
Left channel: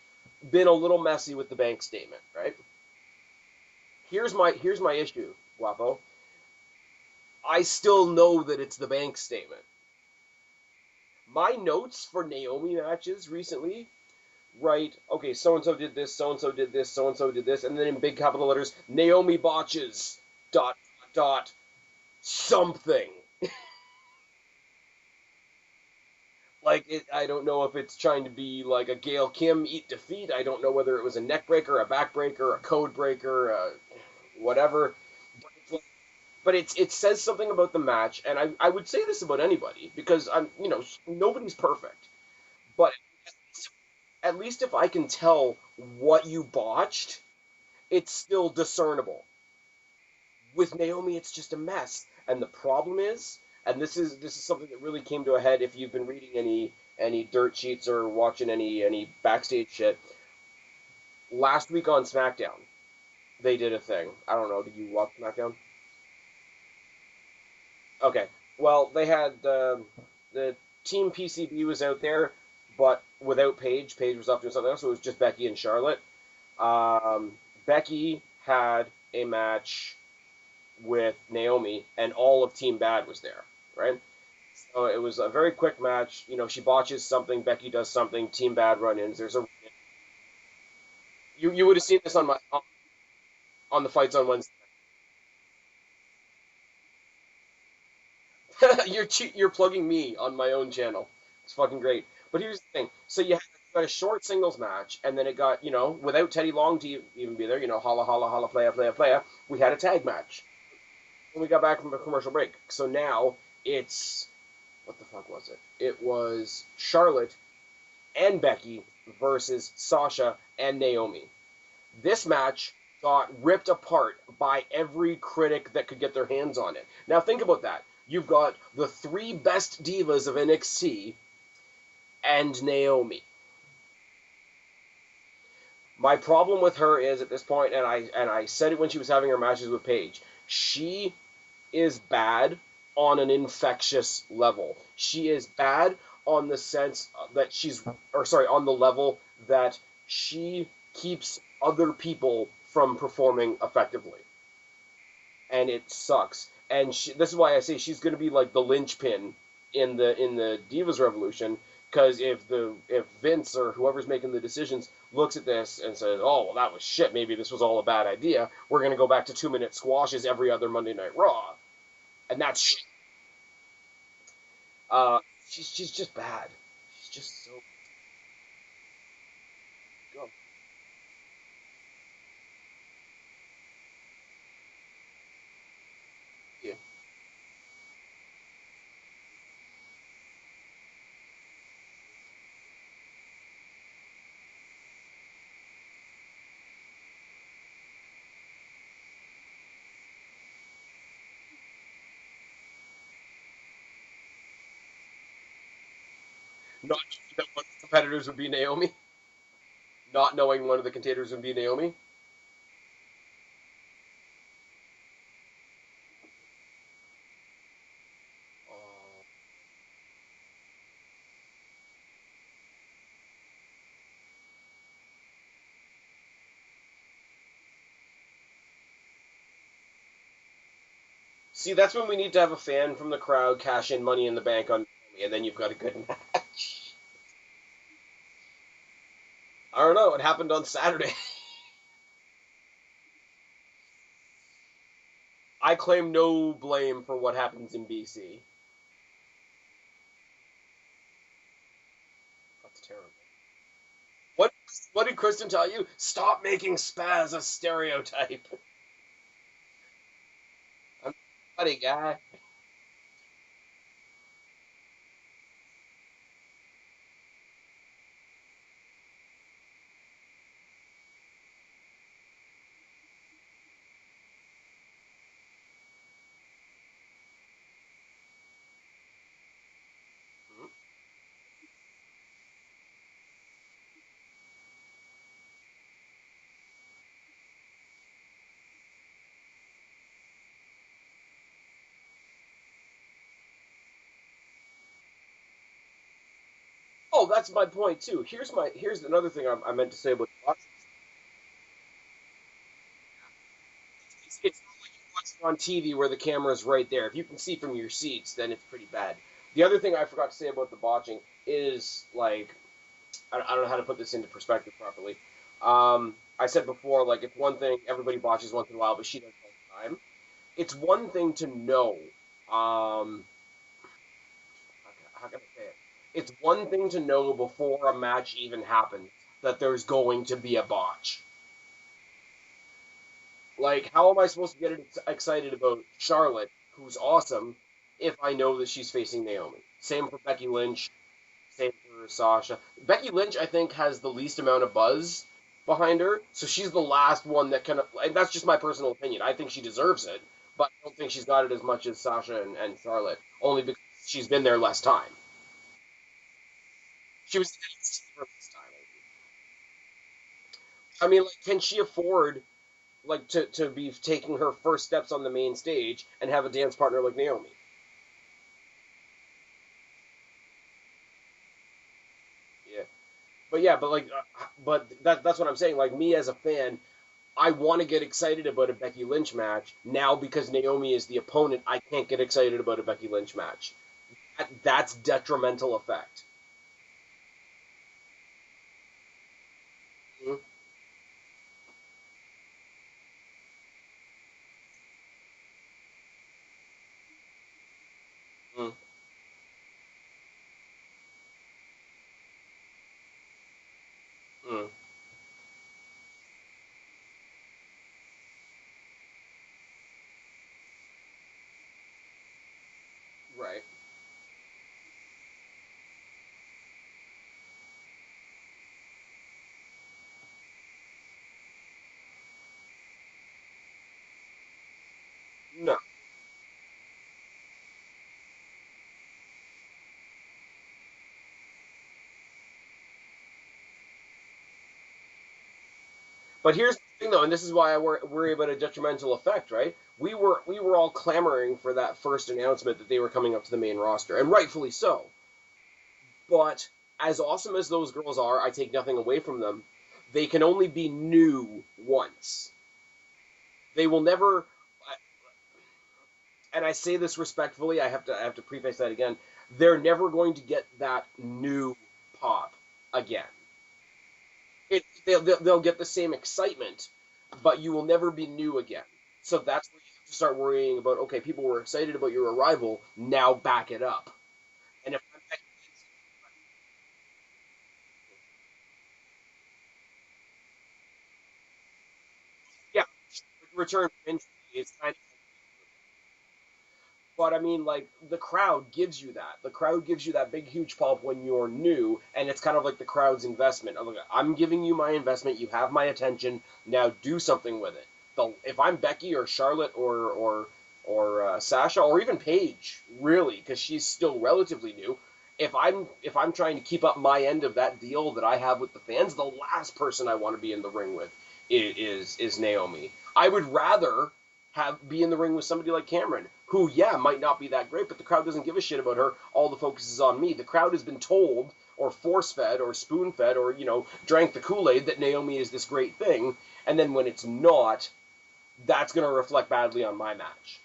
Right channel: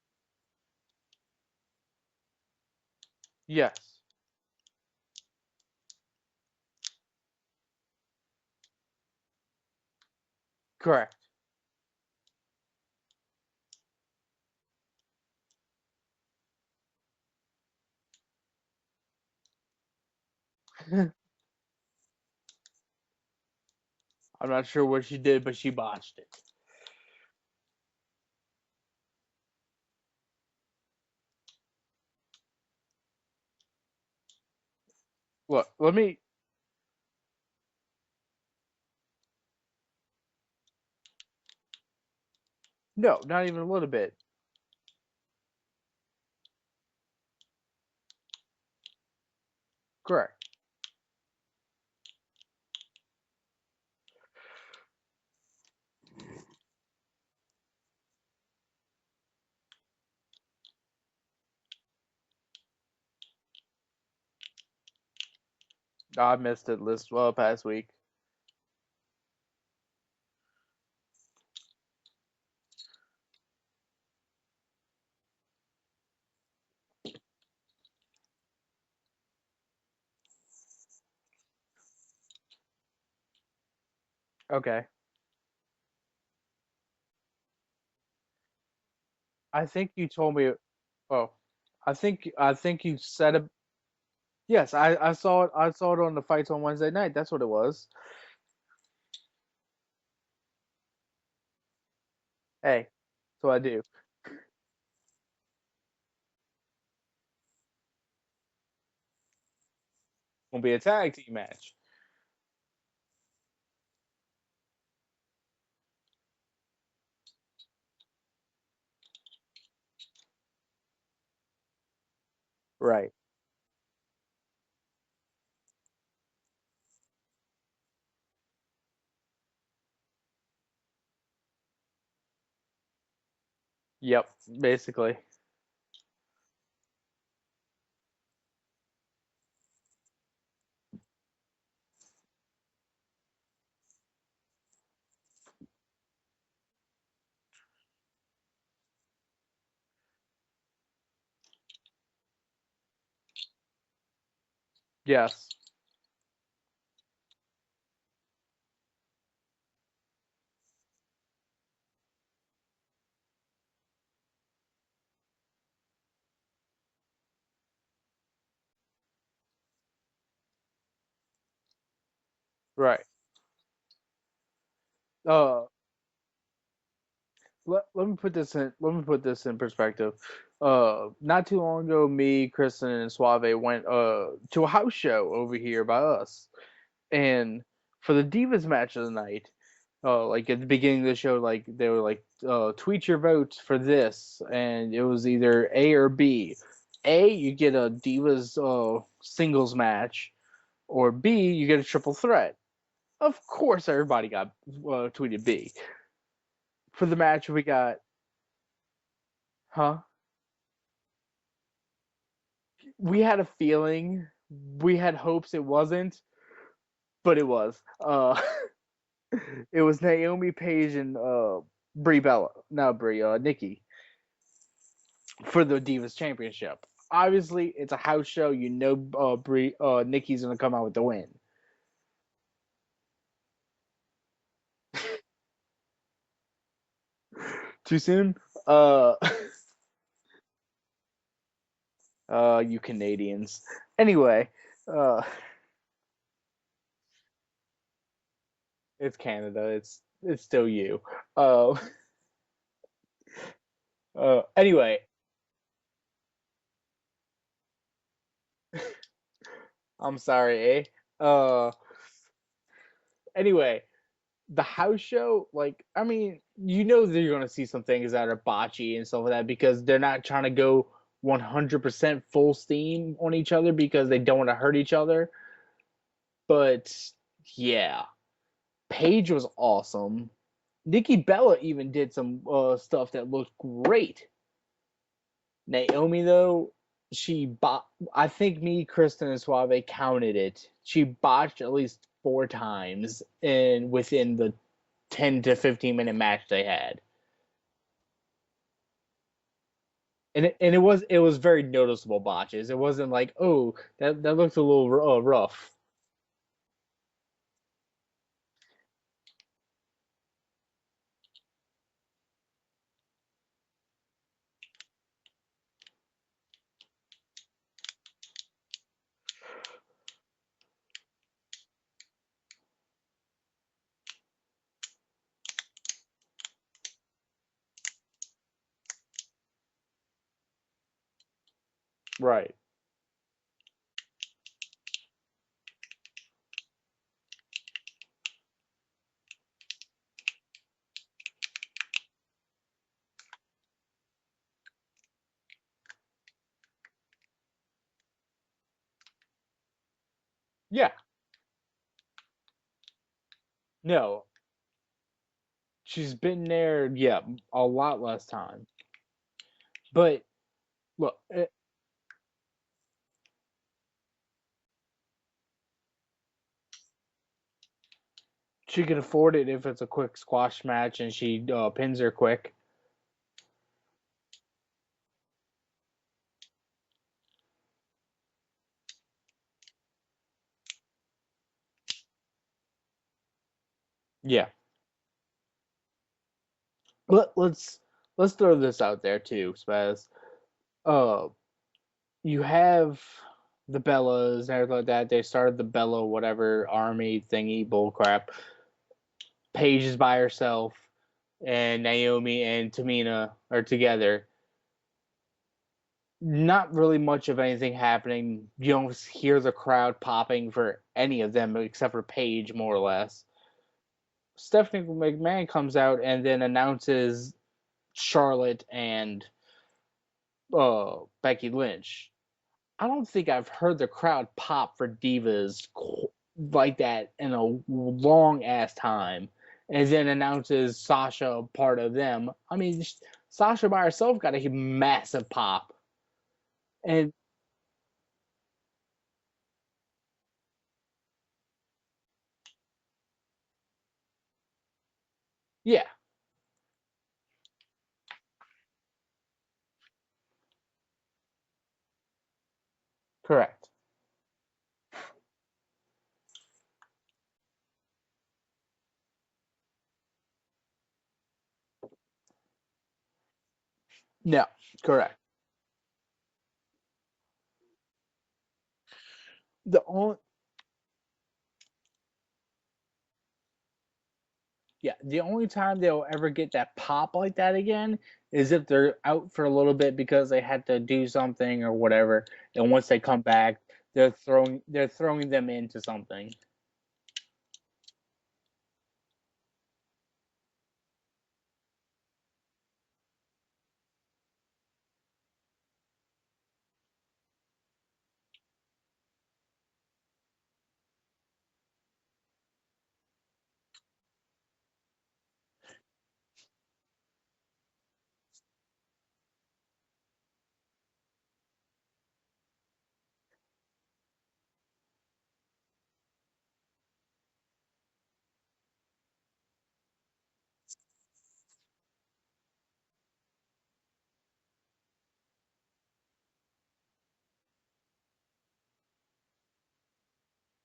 been a little messy with the Banks statement, right? Yes. Here's my issue, Guapo. I still know that it's the Banks statement. Correct. My notes for Naomi matches recently, right, okay, so-and-so did this, so-and-so did this, so-and-so did this, and then in big capital letters, Naomi botches, ... something. I'm not sure what she did, but she botched it. Like, I don't know if it's trying to be like a Gail Kim eat defeat. I don't know whether it was a neck breaker, a back breaker, a code breaker, whatever. Look, let me... But it says something about the match, and I would say this about anybody, because nobody's perfect. But no, not even a little bit. At least if I can tell what you botched, it's still discernible. Correct. With Naomi, it's just a mess. And the problem is, and this is something that really came to a head if you've been reading any dirt sheets or watching any backstage shit. Last week on SmackDown, they did a thing. I don't know. Did you watch SmackDown? I missed it past week. Okay. Well, they had the Team PCB was out there, but without Paige. Paige was off doing something else, so it was just Becky and Charlotte. Becky had a match with Naomi, and all of Team B.A.D was there, right? Okay. So it was a very quick match. She botches something, Becky does something, Team B.A.D run-ins. I think you told me... Oh. You would have seen this on I think you said it... on the Fights on Wednesday. Yes, I saw it. I saw it on the Fights on Wednesday night. That's what it was. You're plugging me on my own channel. It's fucking great. But here's the thing. So you got a short singles match, and then it got, without Teddy Long to even be there, holla, holla, holla, playa, we had a tag match. Will be a tag team match. We got back from a commercial break. So now it's, what the fuck was it? It was Charlotte and Becky versus Sasha and Naomi. This match got ripped apart by every critic that could get their hands on it. Now think about that. You've got the three best divas of NXT and Naomi. Yep, basically. My problem with her is at this point, and I said it when she was having her matches with Paige, she is bad on an infectious level. She is bad on the sense that on the level that she keeps other people from performing effectively. Yes. And it sucks. And this is why I say she's going to be like the linchpin in the Divas Revolution, because if Vince or whoever's making the decisions looks at this and says, oh, well, that was shit, maybe this was all a bad idea, we're going to go back to 2-minute squashes every other Monday Night Raw. And that's shit. Right. She's just bad. She's just so... Let me put this in perspective. Not too long ago, me, Kristen, and Suave went to a house show over here by us. Yeah. And for the Divas match of the night, like at the beginning of the show, like they were like, tweet your votes for this, and it was either A or B. A, you get a Divas singles match, or B, you get a triple threat. Of course, everybody got tweeted B. For the match, we got competitors would be Naomi. Huh? Not knowing one of the contenders would be Naomi. We had a feeling. We had hopes it wasn't, but it was. It was Naomi, Paige, and Brie Bella. Not Brie, Nikki. For the Divas Championship. Obviously, it's a house show. Nikki's gonna come out with the win. See, that's when we need to have a fan from the crowd cash in Money in the Bank on, and then you've got a good match. Too soon? I don't know. It happened on Saturday. You Canadians. Anyway, I claim no blame for what happens in BC. It's Canada. It's still you. That's terrible. Anyway. What did Kristen tell you? Stop making Spaz a stereotype. I'm sorry, eh? I'm a funny guy. Anyway, the house show, like, I mean, you know that you're gonna see some things that are botchy and stuff like that because they're not trying to go 100% full steam on each other because they don't want to hurt each other. But yeah, Paige was awesome. Nikki Bella even did some stuff that looked great. Naomi though, I think me, Kristen, and Suave counted it. She botched at least 4 times within the 10 to 15 minute match they had. Oh, that's my point too. Here's another thing I meant to say about. And it was very noticeable botches. It wasn't like, oh, that looked a little rough. On TV where the camera's right there. If you can see from your seats, then it's pretty bad. The other thing I forgot to say about the botching is, like, I don't know how to put this into perspective properly. I said before, like, it's one thing, everybody botches once in a while, but she does it all the time. It's one thing to know, how can I say it? It's one thing to know before a match even happens that there's going to be a botch. Right. Like, how am I supposed to get excited about Charlotte, who's awesome, if I know that she's facing Naomi? Same for Becky Lynch. Same for Sasha. Becky Lynch, I think, has the least amount of buzz behind her, so she's the last one that kind of... And that's just my personal opinion. I think she deserves it, but I don't think she's got it as much as Sasha and Charlotte, only because she's been there less time. She's been there, she was a lot less time. But... I mean, like, can she afford... like, to be taking her first steps on the main stage and have a dance partner like Naomi? She can afford it if it's a quick squash match and she pins her quick. Yeah. But that's what I'm saying. Like, me as a fan, I want to get excited about a Becky Lynch match. Now, because Naomi is the opponent, I can't get excited about a Becky Lynch match. Yeah. That's detrimental effect. Let's throw this out there, too, Spaz. Mm-hmm. You have the Bellas and everything like that. They started the Bella whatever army thingy bullcrap. Mm. Paige is by herself, and Naomi and Tamina are together. Mm. Not really much of anything happening. You don't hear the crowd popping for any of them except for Paige, more or less. Right. Stephanie McMahon comes out and then announces Charlotte and Becky Lynch. I don't think I've heard the crowd pop for Divas like that in a long ass time. And then announces Sasha part of them. I mean, Sasha by herself got a massive pop. But here's the thing, though, and this is why I worry about a detrimental effect, right? We were all clamoring for that first announcement that they were coming up to the main roster, and rightfully so. Yeah. But as awesome as those girls are, I take nothing away from them. They can only be new once. Correct. They will never, and I say this respectfully, I have to preface that again, they're never going to get that new pop again. No, correct. They'll get the same excitement, but you will never be new again. So that's start worrying about, okay, people were excited about your arrival, now back it up. Yeah, the only time they'll ever get that pop like that again is if they're out for a little bit because they had to do something or whatever, and once they come back, they're throwing them into something. But I mean, like, the crowd gives you that. The crowd gives you that big, huge pop when you're new, and it's kind of like the crowd's investment. I'm giving you my investment. You have my attention. Now do something with it. If I'm Becky or Charlotte or Sasha or even Paige, really, because she's still relatively new. If I'm trying to keep up my end of that deal that I have with the fans, the last person I want to be in the ring with is Naomi. I would rather be in the ring with somebody like Cameron, who, might not be that great, but the crowd doesn't give a shit about her. All the focus is on me. The crowd has been told, or force-fed, or spoon-fed, or, drank the Kool-Aid that Naomi is this great thing, and then when it's not, that's going to reflect badly on my match.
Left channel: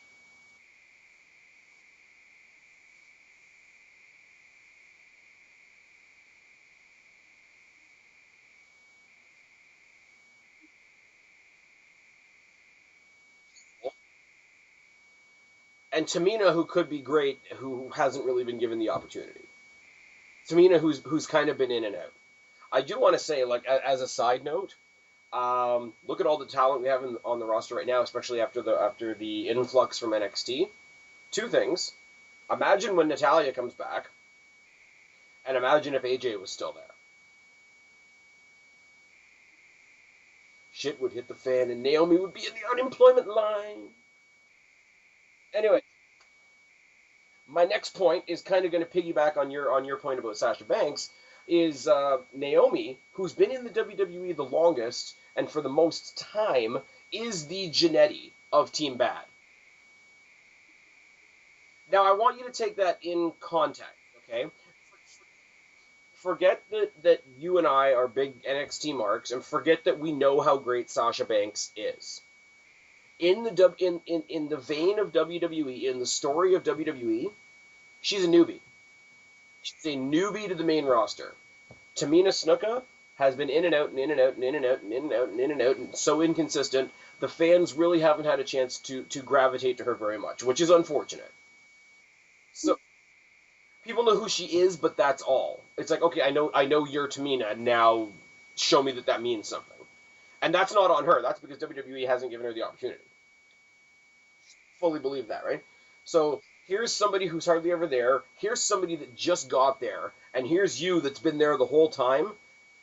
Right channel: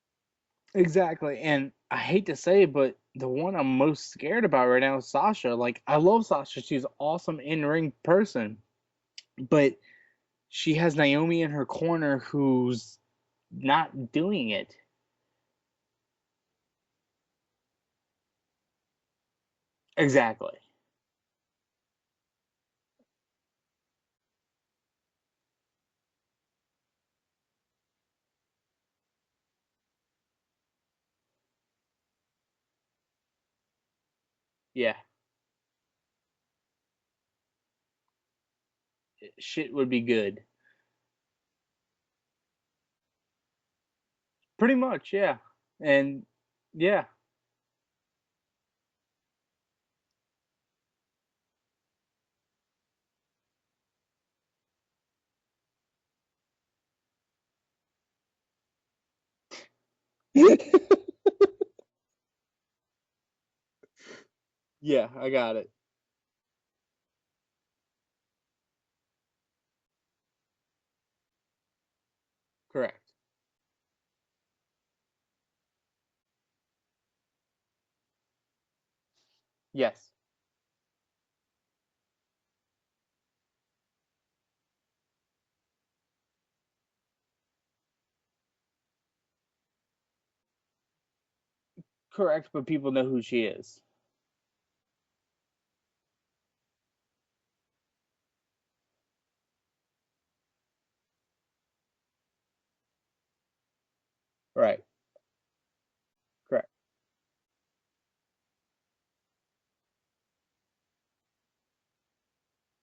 Exactly, and I hate to say it, but the one I'm most scared about right now is Sasha. Like, I love Sasha. She's an awesome in-ring person, but she has Naomi in her corner who's not doing it. And Tamina, who could be great, who hasn't really been given the opportunity. Exactly. Tamina, who's kind of been in and out. I do want to say, like, as a side note, look at all the talent we have on the roster right now, especially after the influx from NXT. Two things. Imagine when Natalya comes back, Yeah. and imagine if AJ was still there. Shit would be good. Shit would hit the fan, and Naomi would be in the unemployment line. Pretty much, yeah. Anyway, and yeah, my next point is kind of going to piggyback on your point about Sasha Banks. Is Naomi, who's been in the WWE the longest and for the most time, is the Jannetty of Team B.A.D. Now, I want you to take that in context, okay? Yeah, I got it. Forget that you and I are big NXT marks, and forget that we know how great Sasha Banks is. Correct. In the vein of WWE, in the story of WWE, she's a newbie. She's a newbie to the main roster. Tamina Snuka has been in and out and in and out and in and out and in and out and in and out and so inconsistent. The fans really haven't had a chance to gravitate to her very much, which is unfortunate. Correct, but so, people know who she is. People know who she is, but that's all. It's like, okay, I know you're Tamina, now show me that means something. And that's not on her. That's because WWE hasn't given her the opportunity. Right. I fully believe that, right? So here's somebody who's hardly ever there. Here's somebody that just got there. And here's you that's been there the whole time.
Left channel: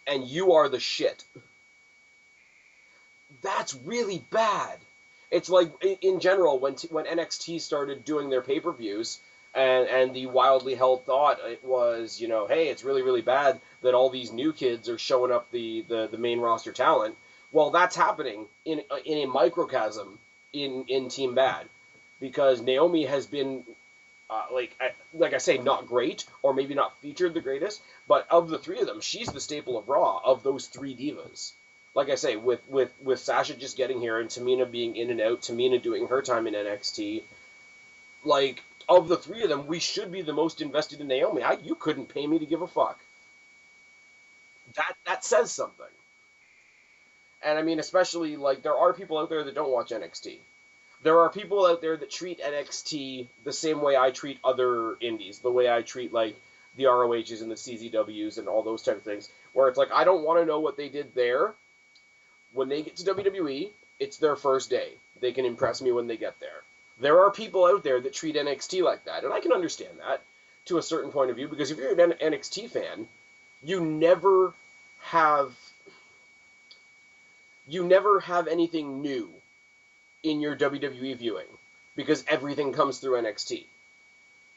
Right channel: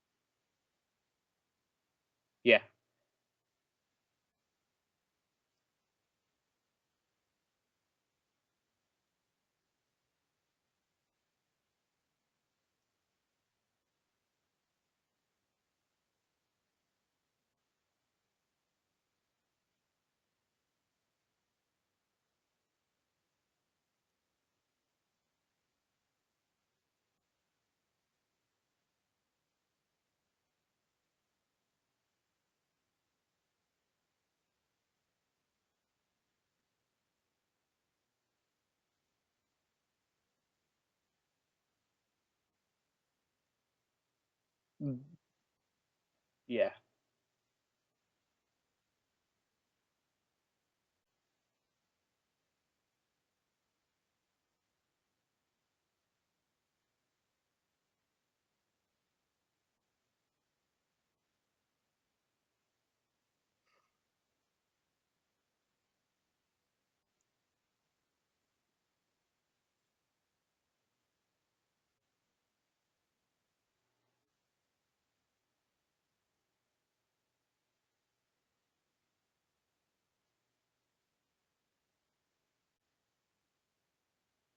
And you are the shit. Yeah. That's really bad. It's like, in general, when NXT started doing their pay-per-views, and the wildly held thought it was, you know, hey, it's really, really bad that all these new kids are showing up the main roster talent. Well, that's happening in a microcosm in Team B.A.D. Because Naomi has been, like I say, not great, or maybe not featured the greatest, but of the three of them, she's the staple of Raw, of those three divas. Like I say, with Sasha just getting here and Tamina being in and out, Tamina doing her time in NXT, like, of the three of them, we should be the most invested in Naomi. You couldn't pay me to give a fuck. That says something. Yeah. And I mean, especially, like, there are people out there that don't watch NXT. There are people out there that treat NXT the same way I treat other indies, the way I treat, like, the ROHs and the CZWs and all those type of things, where it's like, I don't want to know what they did there. When they get to WWE, it's their first day. They can impress me when they get there. There are people out there that treat NXT like that, and I can understand that to a certain point of view, because if you're an NXT fan, you never have anything new in your WWE viewing, because everything comes through NXT.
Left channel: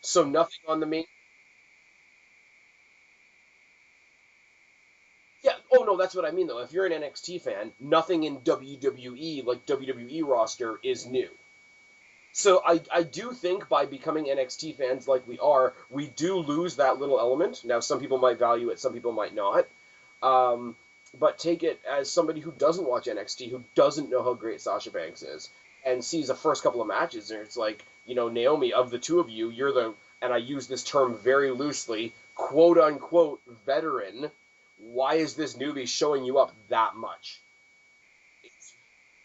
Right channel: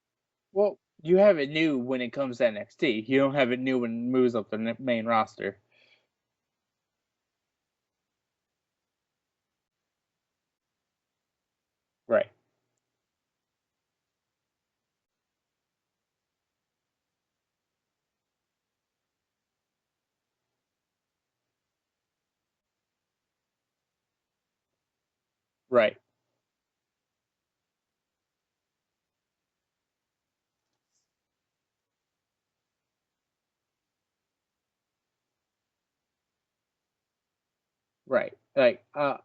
So nothing on the main... You have it new when it comes to NXT. You don't have it new when it moves up the main roster. Yeah. Oh, no, that's what I mean, though. If you're an NXT fan, nothing in WWE, like WWE roster, is new. Right. So I do think by becoming NXT fans like we are, we do lose that little element. Now, some people might value it, some people might not. But take it as somebody who doesn't watch NXT, who doesn't know how great Sasha Banks is, and sees the first couple of matches, and it's like, you know, Naomi, of the two of you, you're the, and I use this term very loosely, quote-unquote veteran. Why is this newbie showing you up that much? Right. Like, I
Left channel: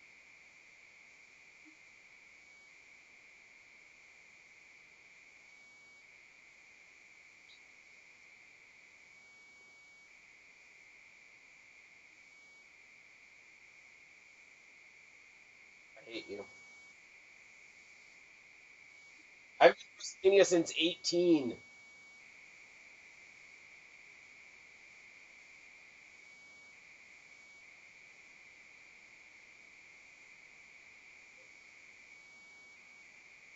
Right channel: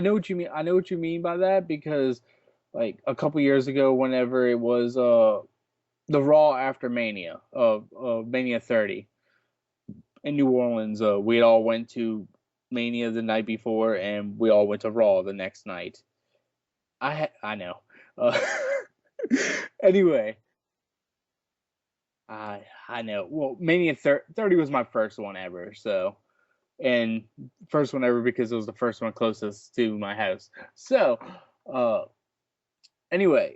know what you mean. I know what you mean by that, because, like, a couple years ago, whenever it was the Raw after Mania, Mania 30 in New Orleans, we all went to Mania the night before, and we all went to Raw the next night. I hate you. I know. I've anyway, been Mania since 18. I know. Well, Mania 30 was my first one ever, so. And first one ever because it was the first one closest to my house. So, anyway,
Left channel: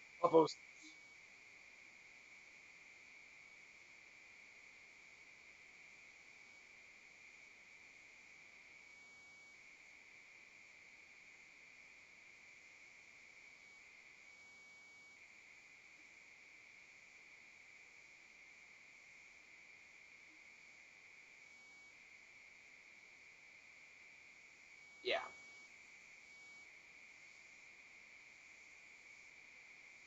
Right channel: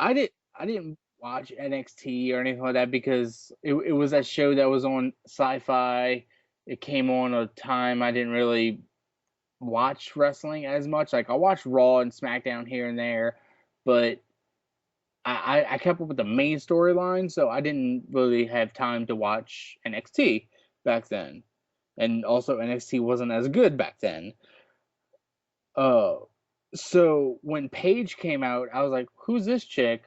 I didn't watch NXT or anything like that because it was that show that was on Sci-Fi. It came on a time I didn't really watch wrestling as much. Like, I watched Raw and SmackDown here and there, but I kept up with the main storyline, so I didn't really have time to watch NXT back then. And also NXT wasn't as good back then. Yeah. So when Paige came out, I was like, who's this chick?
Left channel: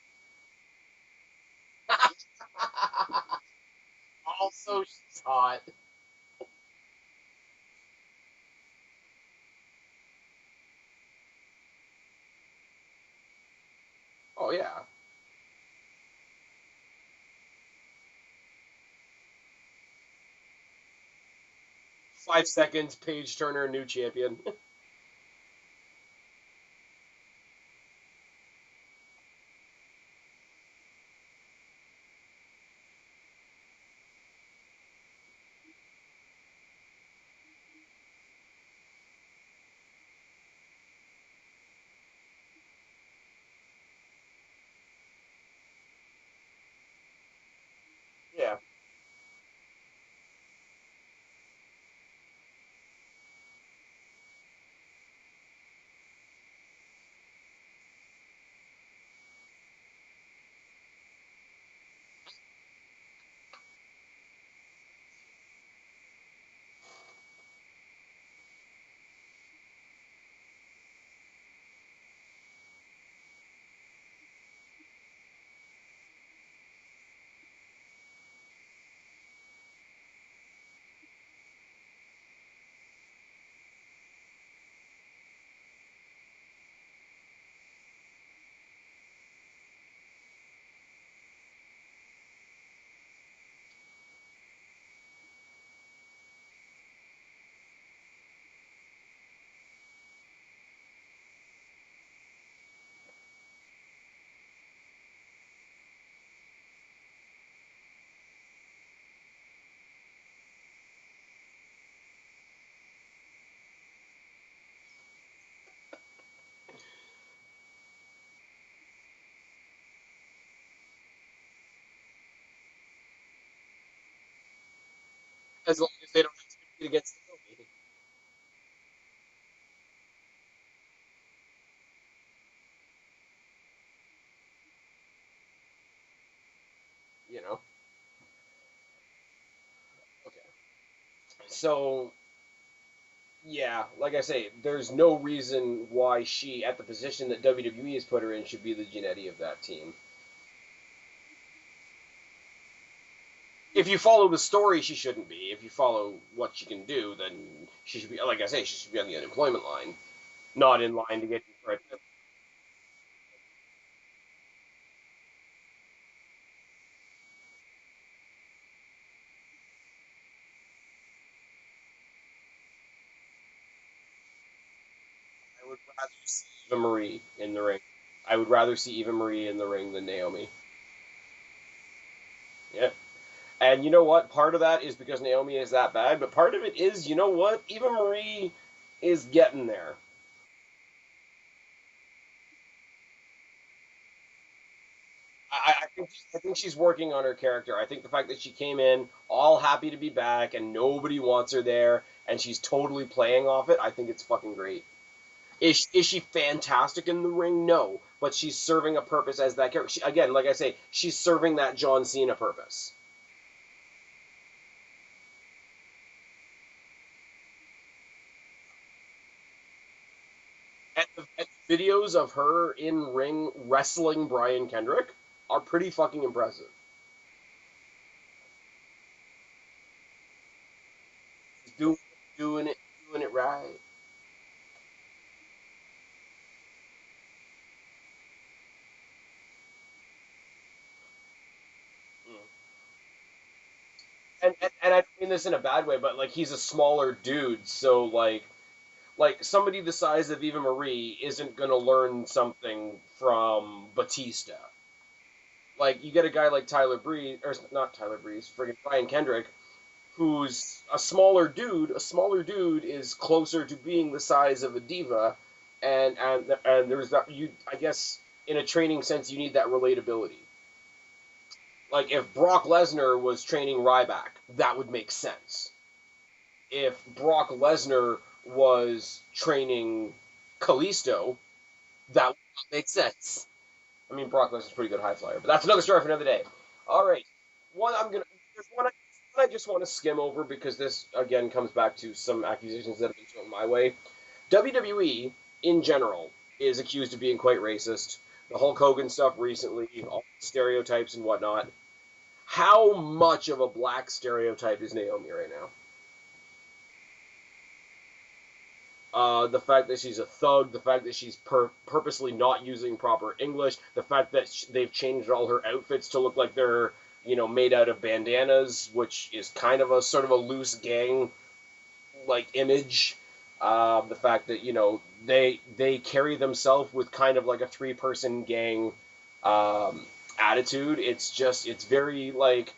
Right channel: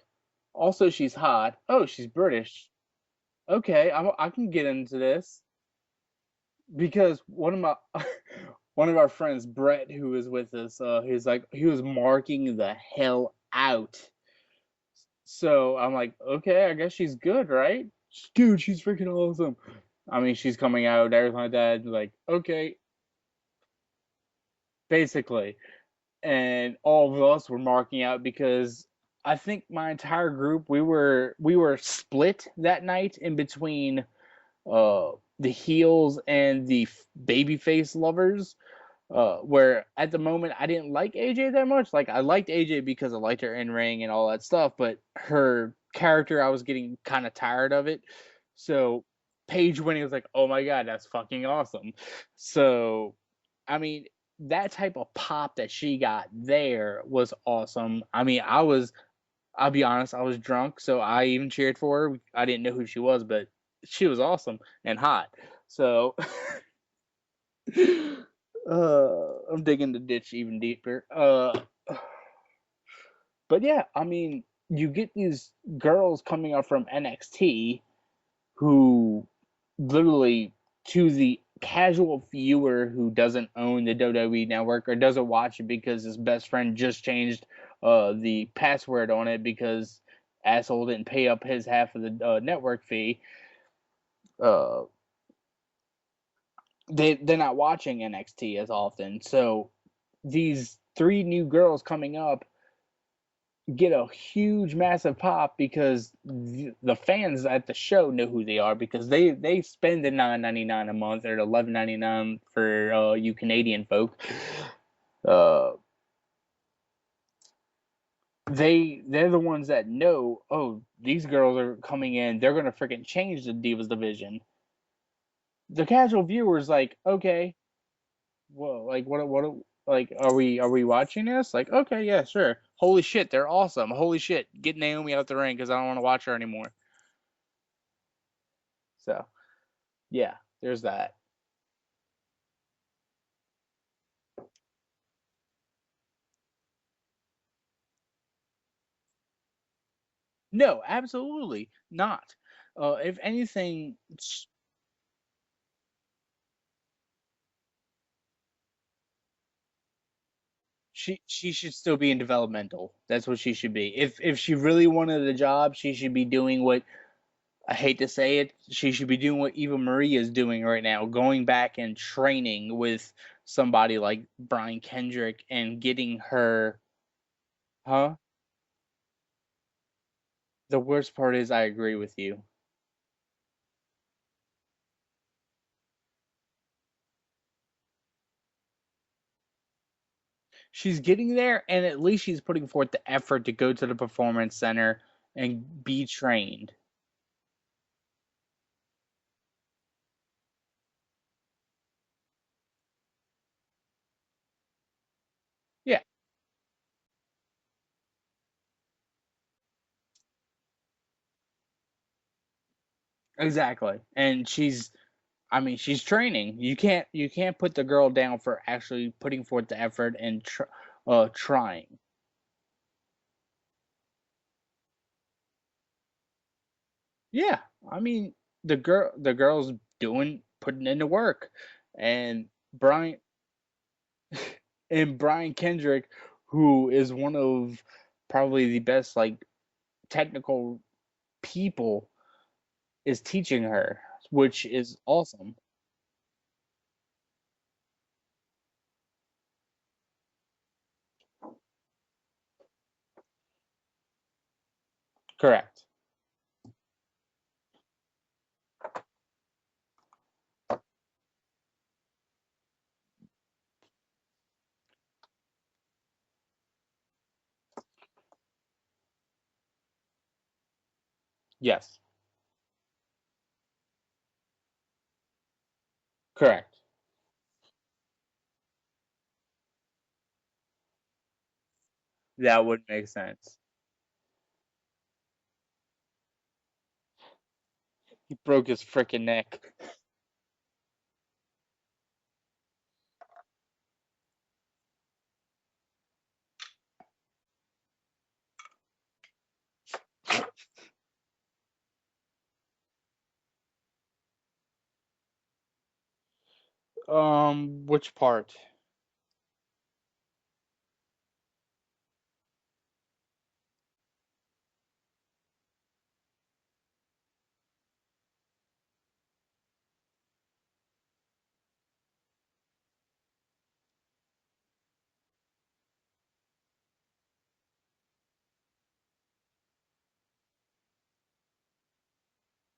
Also, she's hot. Oh, she's British. Okay, I can get into this. Hot. Because one of our friends, Brett, who was with us, he was marking the hell out. Oh, yeah. So I'm like, okay, I guess she's good, right? Dude, she's freaking awesome. I mean, she's coming out, everything like that. Like 5 seconds, Paige Turner, new champion. Basically. And all of us were marking out because I think my entire group, we were split that night in between the heels and the babyface lovers. Where at the moment I didn't like AJ that much. Like, I liked AJ because I liked her in ring and all that stuff, but her character, I was getting kind of tired of it. Yeah. So Paige winning was like, oh my god, that's fucking awesome. So I mean, that type of pop that she got there was awesome. I mean, I'll be honest, I was drunk, so I even cheered for her. I didn't know who she was, but she was awesome and hot. So I'm digging the ditch even deeper. But yeah, I mean, you get these girls coming up from NXT who literally, to the casual viewer who doesn't own the WWE network or doesn't watch it because his best friend just changed the password on it because asshole didn't pay up his half of the network fee. Uh, they're not watching NXT as often, so these three new girls coming up get a huge, massive pop because the fans at the show know who they are because they spend the $9.99 a month or $11.99 for you Canadian folk. They're the ones that know. Oh, these girls are coming in. They're gonna freaking change the Divas division. As The long as they casual don't viewer's like, get okay, well, like what like are we watching this? Like, okay, yeah, sure. Holy shit, they're awesome. Holy shit, get Naomi out the ring because I don't want to watch her anymore. you know. So yeah, there's that. So yeah, like I say, there's no reason why she, at the position that WWE has put her in, should be the Janetti of that team. No, absolutely not. If If anything, you follow the story, she shouldn't be. If you follow what she can do, then she should be, like I say, she should be on the unemployment line, not in line to get. she should still be in developmental. That's what she should be. If she really wanted the job, she should be doing what, I hate to say it, she should be doing what Eva Marie is doing right now, going back and training with somebody like Brian Kendrick and getting her. Eva Marie in the ring. Huh? I would rather see Eva Marie in the ring than Naomi. The worst part is I agree with you. Yeah. And you know what? Part of that is because Naomi is that bad, but part of it is, you know what? Eva Marie is getting there. She's getting there, and at least she's putting forth the effort to go to the performance center and be trained. I think she's working on her character. I think the fact that she came in all happy to be back and nobody wants her there and she's totally playing off it, I think it's fucking great. Is she fantastic in the ring? No. But she's serving a purpose as that character. Again, like I say, she's serving that John Cena purpose. Exactly. And she's training. You can't put the girl down for actually putting forth the effort and trying. Videos of her in ring wrestling Brian Kendrick are pretty fucking impressive. Yeah, I mean the girl's putting in the work, Doing it right. And Brian Kendrick, who is one of probably the best like technical people, is teaching her, which is and I awesome. mean this in a bad way, but like he's a smaller dude, so like somebody the size of Eva Marie isn't gonna learn something from Batista. Correct. Like you get a guy like Tyler Breeze, or not Tyler Breeze, friggin' Brian Kendrick, who's a smaller dude. A smaller dude is closer to being the size of a diva, and there's that. I guess in a training sense, you need that relatability. Yes. Like if Brock Lesnar was training Ryback, that would make sense. Correct. If Brock Lesnar was training Kalisto, that would make sense. I mean, Brock Lesnar's a pretty good high flyer, but that's another story for another day. All right. He broke his freaking neck. I just want to skim over because this, again, comes back to some accusations that have been thrown my way. WWE, in general, is accused of being quite racist. The Hulk Hogan stuff recently, all the stereotypes and whatnot. How much of a black stereotype is Naomi right now? Which part? The fact that she's a thug, the fact that she's purposely not using proper English, the fact that they've changed all her outfits to look like they're, made out of bandanas, which is kind of a sort of a loose gang like image. The fact that they carry themselves with kind of like a 3-person gang attitude. It's very like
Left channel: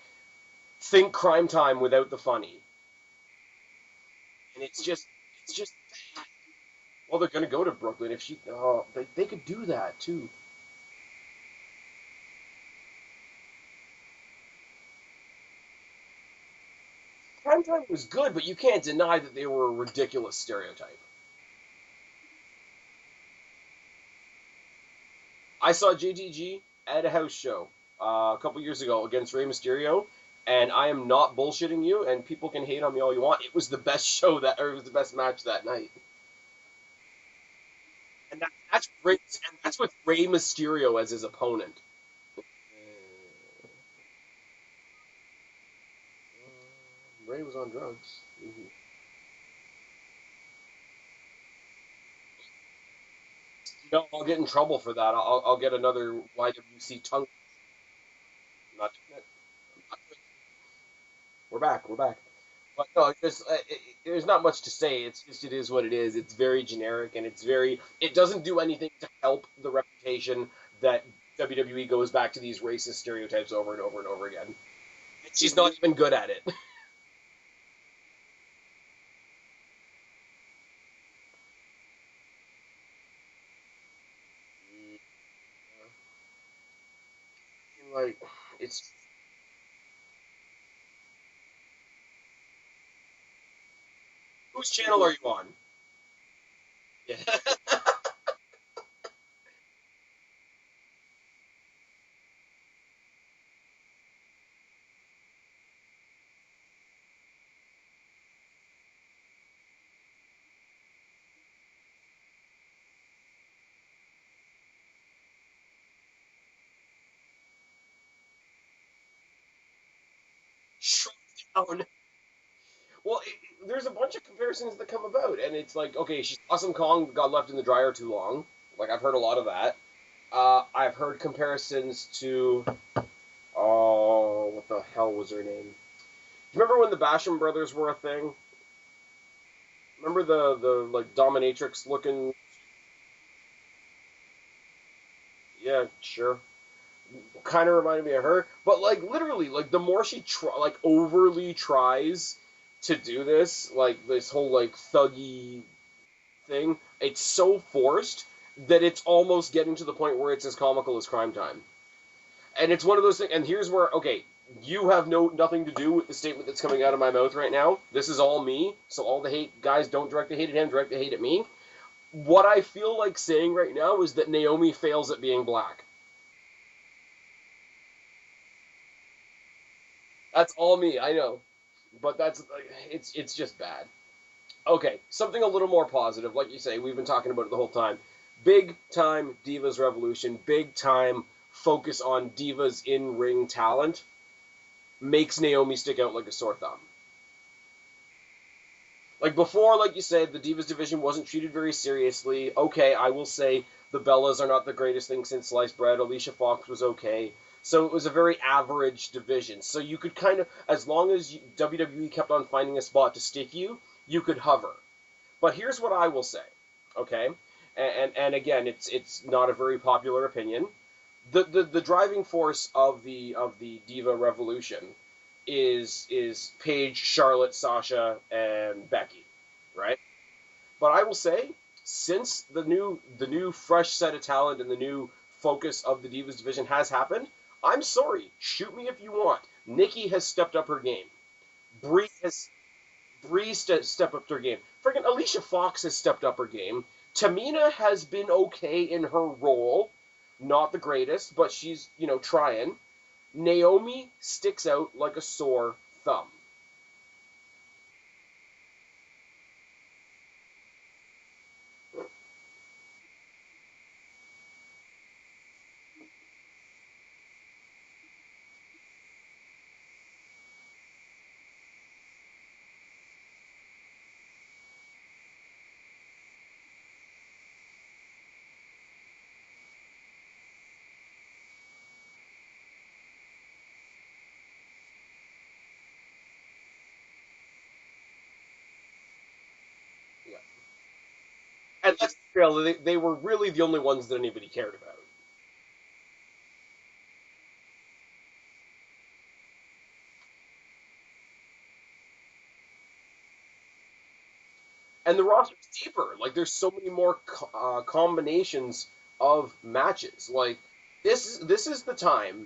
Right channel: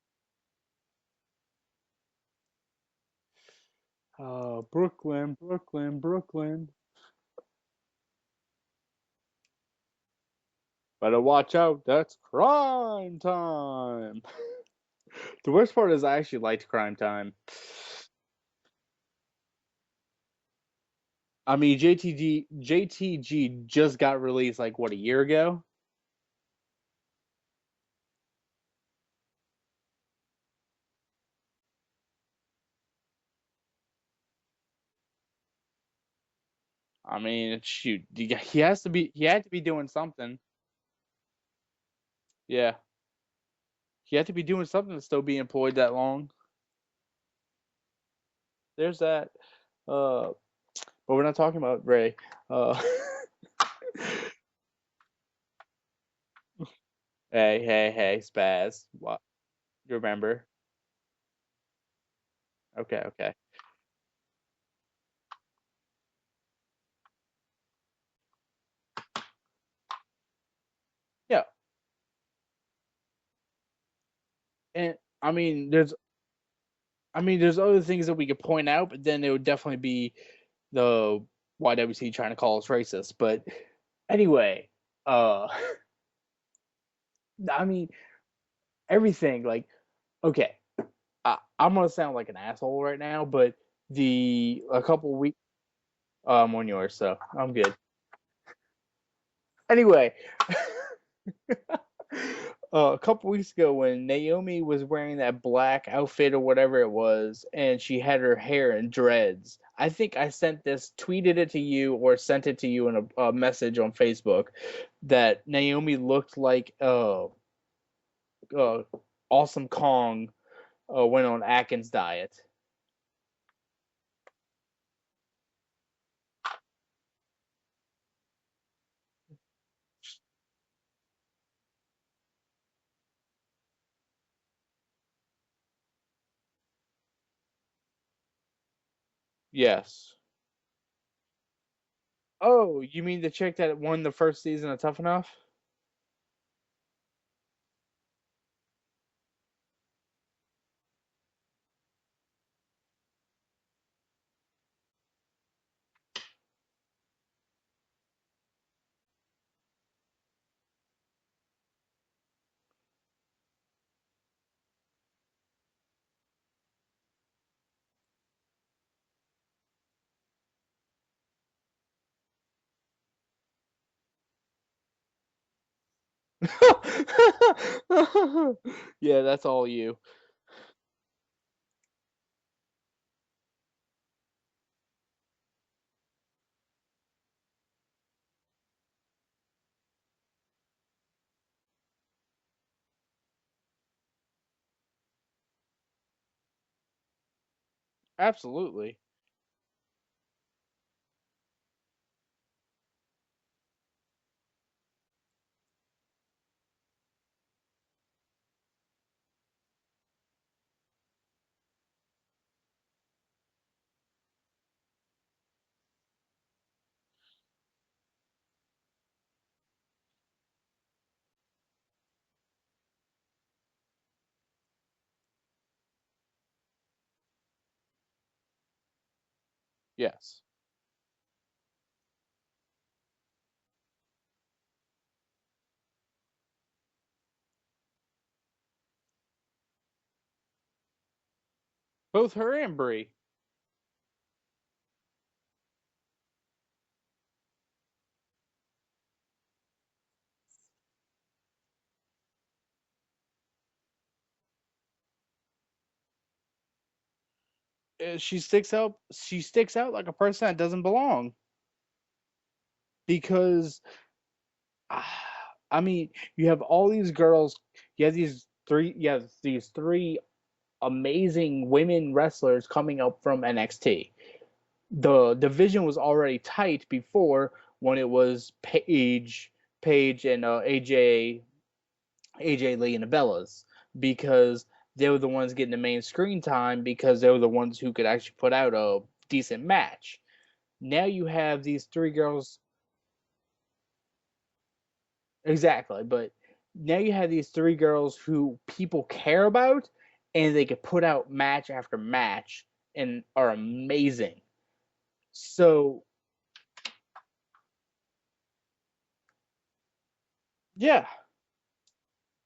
think Crime Time without the funny. Oh, It's just Brooklyn, it's just Brooklyn, Brooklyn. well, they're gonna go to Brooklyn if she. Oh, they could do that too. Better watch out. That's crime time. The worst part is I actually liked Crime Time. Crime Time was good, but you can't deny that they were a ridiculous stereotype. I mean, JTG just got released like what, a year ago? I saw JTG at a house show a couple years ago against Rey Mysterio, and I am not bullshitting you. And people can hate on me all you want. It was the best show it was the best match that night. I mean, shoot, he has to be That's doing with Rey something. Mysterio as his opponent. Yeah, he had to be doing something to still be employed that long. Rey was on drugs. Mm-hmm. There's that. But we're not talking about Ray. No, I'll get in trouble for that. I'll get another YWC tongue. Hey, Spaz. Not What? Remember? We're back. Okay, No, okay. there's not much to say. It is what it is. It's very generic, and it doesn't do anything to help the reputation that WWE goes back to these racist stereotypes over and over and over again. And I mean, she's not even good at it. I mean, there's other things that we could point out, but then it would definitely be the YWC trying to call us racist. But anyway, I mean, like, it's everything. Like, okay, I'm gonna sound like an asshole right now, but whose channel are you on? I'm on yours, so I'm good. Anyway, a couple weeks ago when Naomi was wearing that black outfit or whatever it was, and she had her hair in dreads, I think I tweeted it to you or sent it to you in a message on Facebook that Naomi looked like Awesome Kong went on Atkins diet. Well, there's a bunch of comparisons that come about, and it's like, okay, she's Awesome Kong got left in the dryer too long. Like, I've heard a lot of that. I've heard comparisons to, what the hell was her name? Remember when the Basham brothers were a thing? Yes. Remember the like dominatrix looking? Oh, you mean the chick that won the first season of Tough Enough? Yeah, sure. Kind of reminded me of her, but like literally, like the more she overly tries to do this, like this whole like thuggy thing, it's so forced that it's almost getting to the point where it's as comical as Crime Time. And it's one of those things. And here's where, okay, you have nothing to do with the statement that's coming out of my mouth right now. This is all me. So all the hate, guys, don't direct the hate at him, direct the hate at me. What I feel like saying right now is that Naomi fails at being black. Yeah, that's all you. That's all me, I know. But it's just bad. Okay, something a little more positive. Like you say, we've been talking about it the whole time. Big time Divas Revolution, big time focus on Divas in-ring talent makes Naomi stick out like a sore thumb. Absolutely. Like before, like you said, the Divas division wasn't treated very seriously. Okay, I will say the Bellas are not the greatest thing since sliced bread. Alicia Fox was okay. So it was a very average division. So you could kind of, as long as WWE kept on finding a spot to stick you, you could hover. But here's what I will say, okay? And again, it's not a very popular opinion. The driving force of the Diva Revolution is Paige, Charlotte, Sasha, and Becky, right? Yes. But I will say, since the new fresh set of talent and the new focus of the Divas division has happened, I'm sorry, shoot me if you want. Nikki has stepped up her game. Both her and Brie. Brie step up their game. Freaking Alicia Fox has stepped up her game. Tamina has been okay in her role. Not the greatest, but she's, trying. Naomi sticks out like a sore thumb. She sticks out like a person that doesn't belong. Because I mean, you have all these girls, you have these three amazing women wrestlers coming up from NXT. The division was already tight before when it was Paige and AJ Lee and the Bellas, because they were the ones getting the main screen time because they were the ones who could actually put out a decent match. Yeah. Now you have these three girls. They were really the only ones that anybody cared about. Exactly, but now you have these three girls who people care about, and they can put out match after match and are amazing. And the roster's So deeper. Like there's so many more combinations of matches. Like yeah, this is the time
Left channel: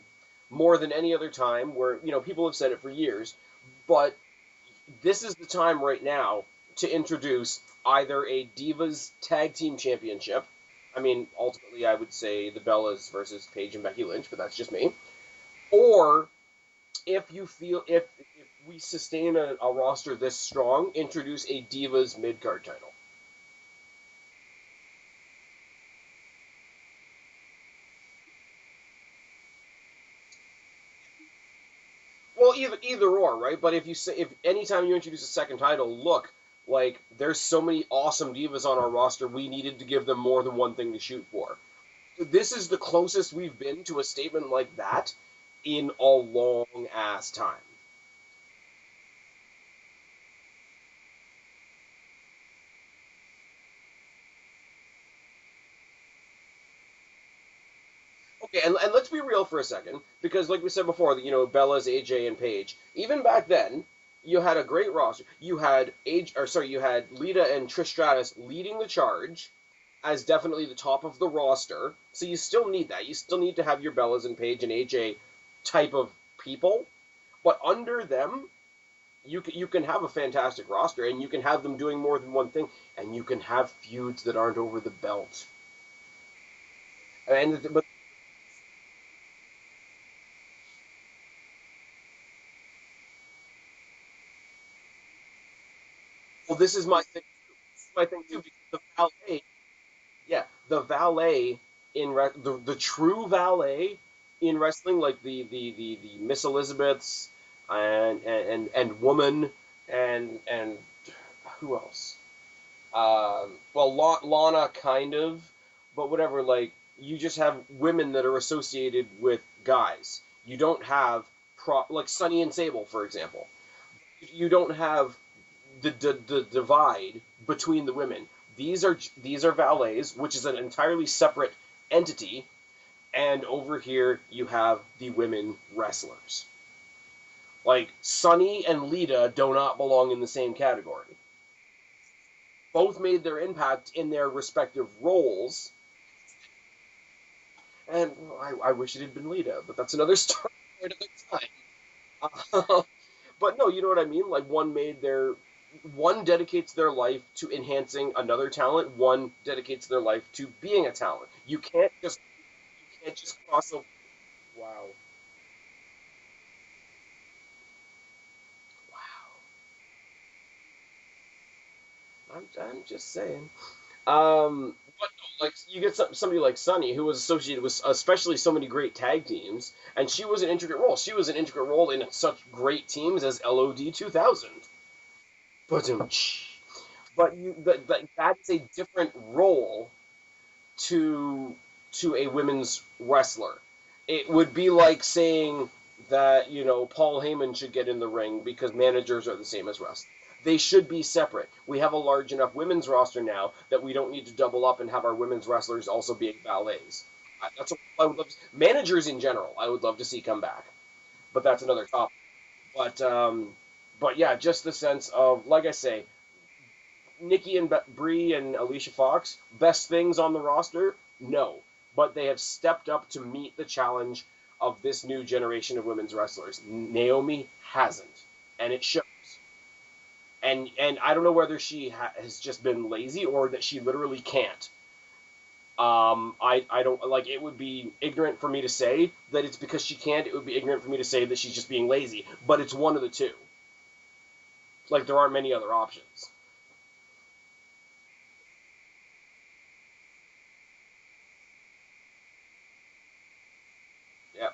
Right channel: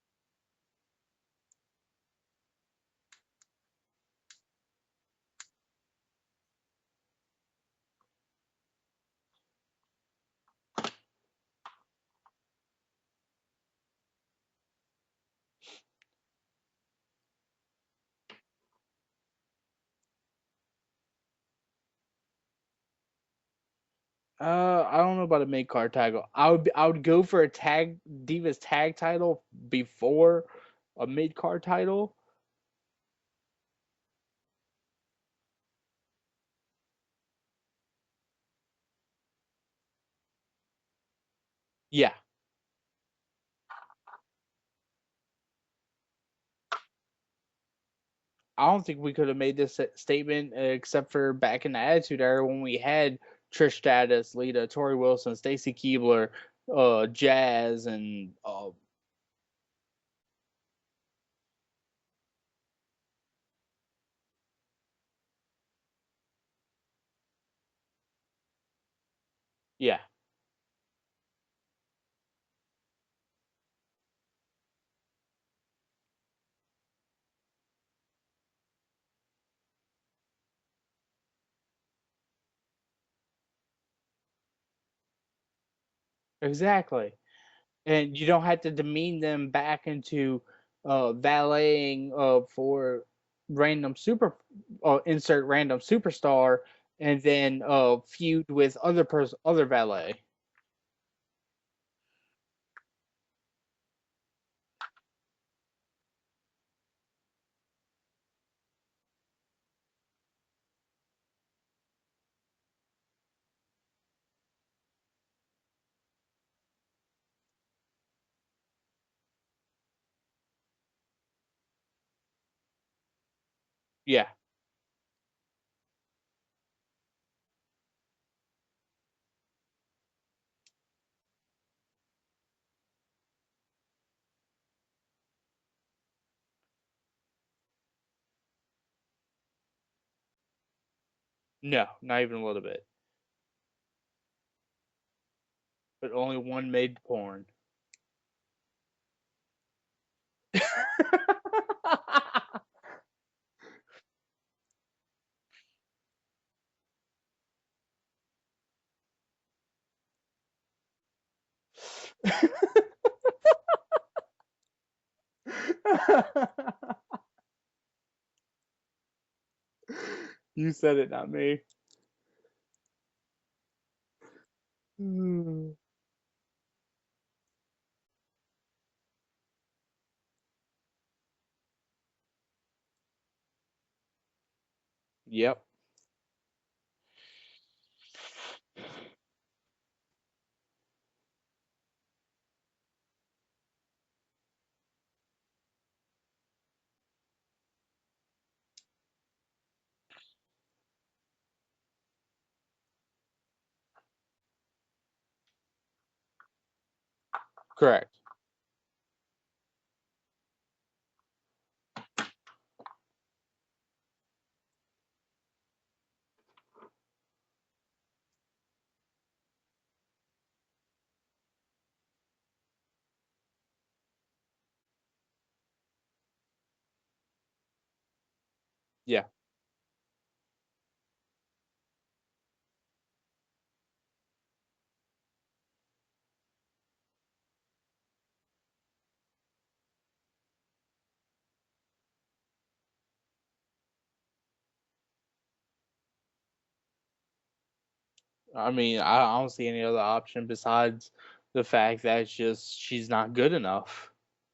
more than any other time where people have said it for years, but this is the time right now to introduce either a Divas Tag Team Championship. I mean, ultimately, I would say the Bellas versus Paige and Becky Lynch, but that's just me. Or if you feel if we sustain a roster this strong, introduce a Divas mid card title. I don't know about a mid card title. I would go for a Divas tag title before a mid card title. Well, either or, right? But if you say if anytime you introduce a second title, look, like there's so many awesome divas on our roster, we needed to give them more than one thing to shoot for. Yeah, This is the closest we've been to a statement like that in a long ass time. I don't think we could have made this statement except for back in the Attitude Era when we had Trish Stratus, Lita, Tori Wilson, Stacy Keibler, Jazz, and Okay, and let's be real for a second, because like we said before, Bella's, AJ, and Paige. Even back then, you had a great roster. You had you had Lita and Trish Stratus leading the charge yeah, as definitely the top of the roster. So you still need that. You still need to have your Bellas and Paige and AJ type of people, but under them, you can have a fantastic roster, and you can have them doing more than one thing, and you can have feuds that aren't over the belt. exactly. But And you don't have to demean them back into valeting for random insert random well, superstar, this is my and thing. then This is my thing too, feud because with other valet. yeah, the valet the true valet in wrestling, like the Miss Elizabeths and Woman and who else? Well, Lana kind of, but whatever. Like you just have women that are associated with guys. You don't have like Sunny and Sable, for example. Yeah, You don't have the divide between the women. These are valets, which is an entirely separate entity, and over here you have the women wrestlers. Like Sunny and Lita do not belong in the same category. no, not even a little bit. Both made their impact in their respective roles, But only one made porn. and I wish it had been Lita, but that's another story for another time. But no, you know what I mean? Like one dedicates their life to enhancing another talent, one dedicates their life to being a talent. You can't just cross over. Wow. Wow. You said it, not me. I'm just saying. But like Mm, you get somebody like Sunny, who was associated with especially so many great tag teams, and she was an intricate role. She was an intricate role in such great teams as LOD 2000. yep. But that's a different role to a women's wrestler. It would be like saying that Paul Heyman should get in the ring because managers are the same as wrestlers. They should be separate. We have a large enough women's roster now that we don't need to double up and have our women's wrestlers also be valets. That's what I Correct. would love managers in general. I would love to see come back, but that's another topic. But yeah, just the sense of, like I say, Nikki and Brie and Alicia Fox, best things on the roster? No. But they have stepped up to meet the challenge of this new generation of women's wrestlers. Naomi hasn't, and it shows. Yeah. And I don't know whether she has just been lazy or that she literally can't. I don't like. It would be ignorant for me to say that it's because she can't. It would be ignorant for me to say that she's just being lazy. But it's one of the two. Like there aren't many other options. I mean, I don't see any other option besides the fact that she's not good enough. Yeah.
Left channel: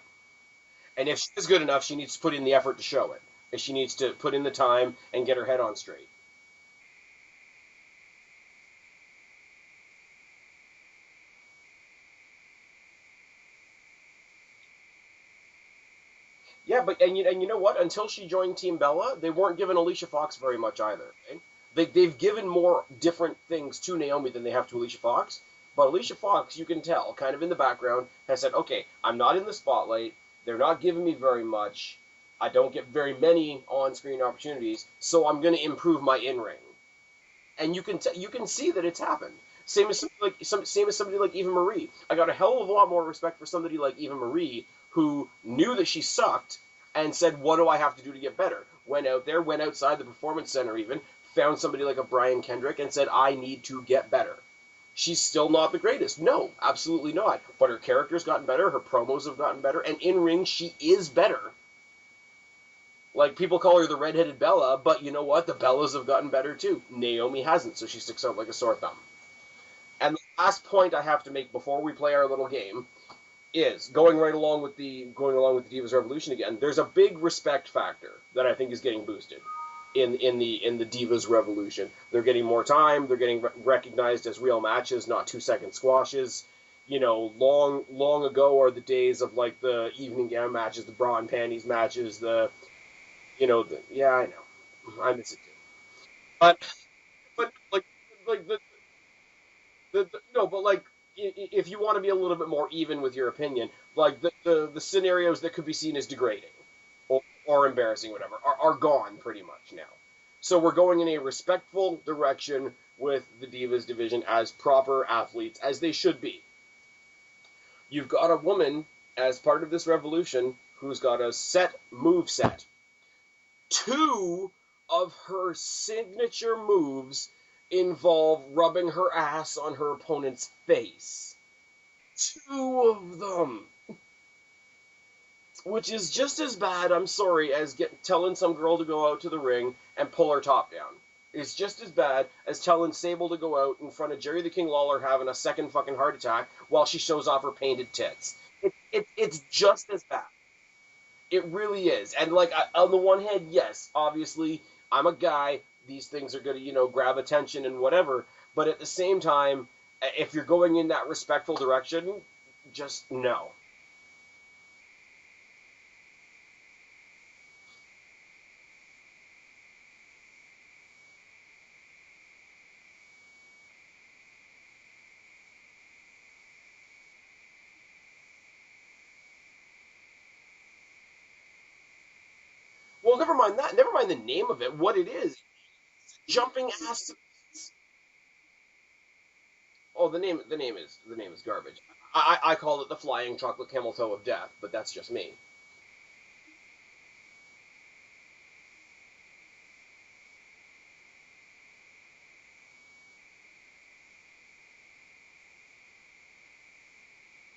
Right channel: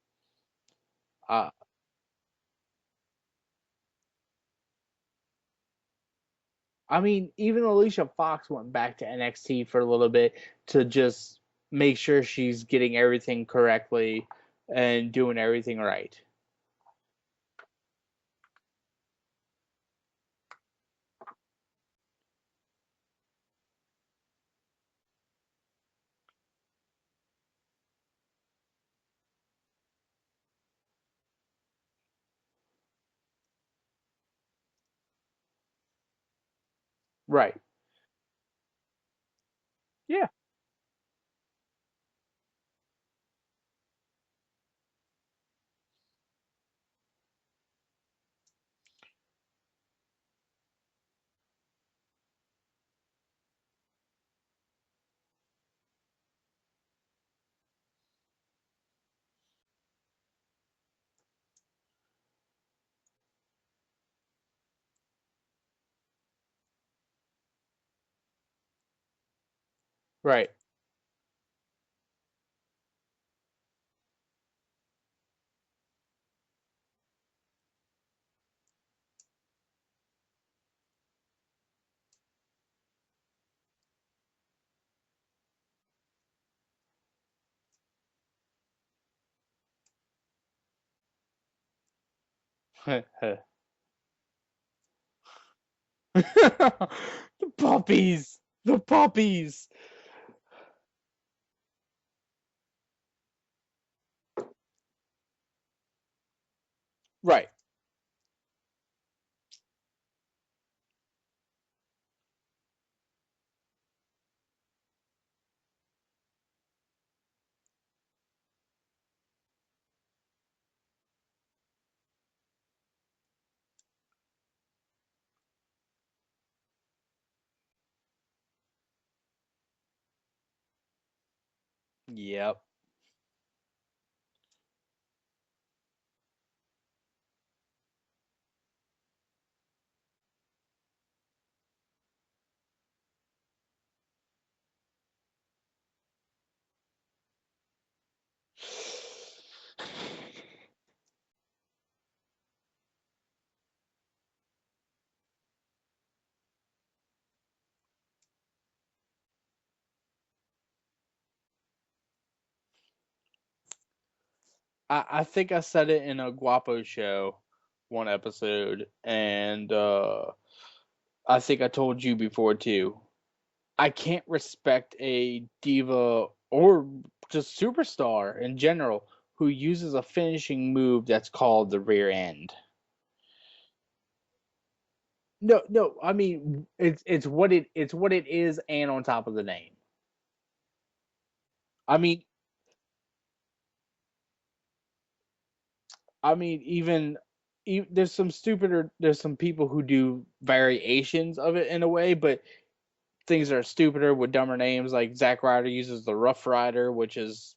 And if she's Uh, good enough, she needs to put in the effort to show it. And she needs to put in the time and get her head on straight. I mean, even Alicia Fox went back to NXT for a little bit to just make sure she's getting everything correctly and doing everything right. Yeah, but and you know what? Until she joined Team Bella, they weren't giving Alicia Fox very much either. Right? They've given more different things to Naomi than they have to Alicia Fox, But Alicia Fox, you can tell, kind of in the background, has said, okay, I'm not in the spotlight. They're not giving me very much. I don't get very many on-screen opportunities, so I'm going to improve my in-ring. Right. And you can see that it's happened. Same as Yeah. same as somebody like Eva Marie. I got a hell of a lot more respect for somebody like Eva Marie who knew that she sucked and said, "What do I have to do to get better?" Went out there, went outside the performance center, even found somebody like a Brian Kendrick and said, "I need to get better." She's still not the greatest. No, absolutely not. But her character's gotten better, her promos have gotten better, and in ring she is better. Like, people call her the redheaded Bella, but you know what? The Bellas have gotten better too. Naomi hasn't, so she sticks out like a sore thumb. And the Right. last point I have to make before we play our little game is going along with the Divas Revolution again. There's a big respect factor that I think is getting boosted in the Divas Revolution. They're getting more time. They're getting recognized as real matches, not 2-second squashes. You know, long ago are the days of like the evening gown matches, the bra and panties matches, the yeah, I know, I miss it too. But Puppies, like the puppies. no, but like if you want to be a little bit more even with your opinion, like the scenarios that could be seen as degrading Right. or embarrassing, whatever, are gone pretty much now. So we're going in a respectful direction with the Divas division as proper athletes, as they should be. You've got a woman as part of this revolution who's got a set move set. Two of her signature moves involve rubbing her ass on her opponent's face. Yep. Two of them. Which is just as bad, I'm sorry, as telling some girl to go out to the ring and pull her top down. It's just as bad as telling Sable to go out in front of Jerry the King Lawler having a second fucking heart attack while she shows off her painted tits. It's just as bad. It really is. And, like, on the one hand, yes, obviously, I'm a guy. These things are going to, grab attention and whatever. But at the same time, if you're going in that respectful direction, just no. I think I said it in a Guapo show one episode, and I think I told you before too. I can't respect a diva or just superstar in general who uses a finishing move that's called the rear end. Well, never mind that. Never mind the name of it. What it is. No. I mean, Jumping ass. it's what it is, and on top of the name. Oh, the name is garbage. I mean, I call it the flying chocolate camel toe of death, but that's just me. I mean, even there's some stupider. There's some people who do variations of it in a way, but things that are stupider with dumber names. Like Zack Ryder uses the Rough Rider, which is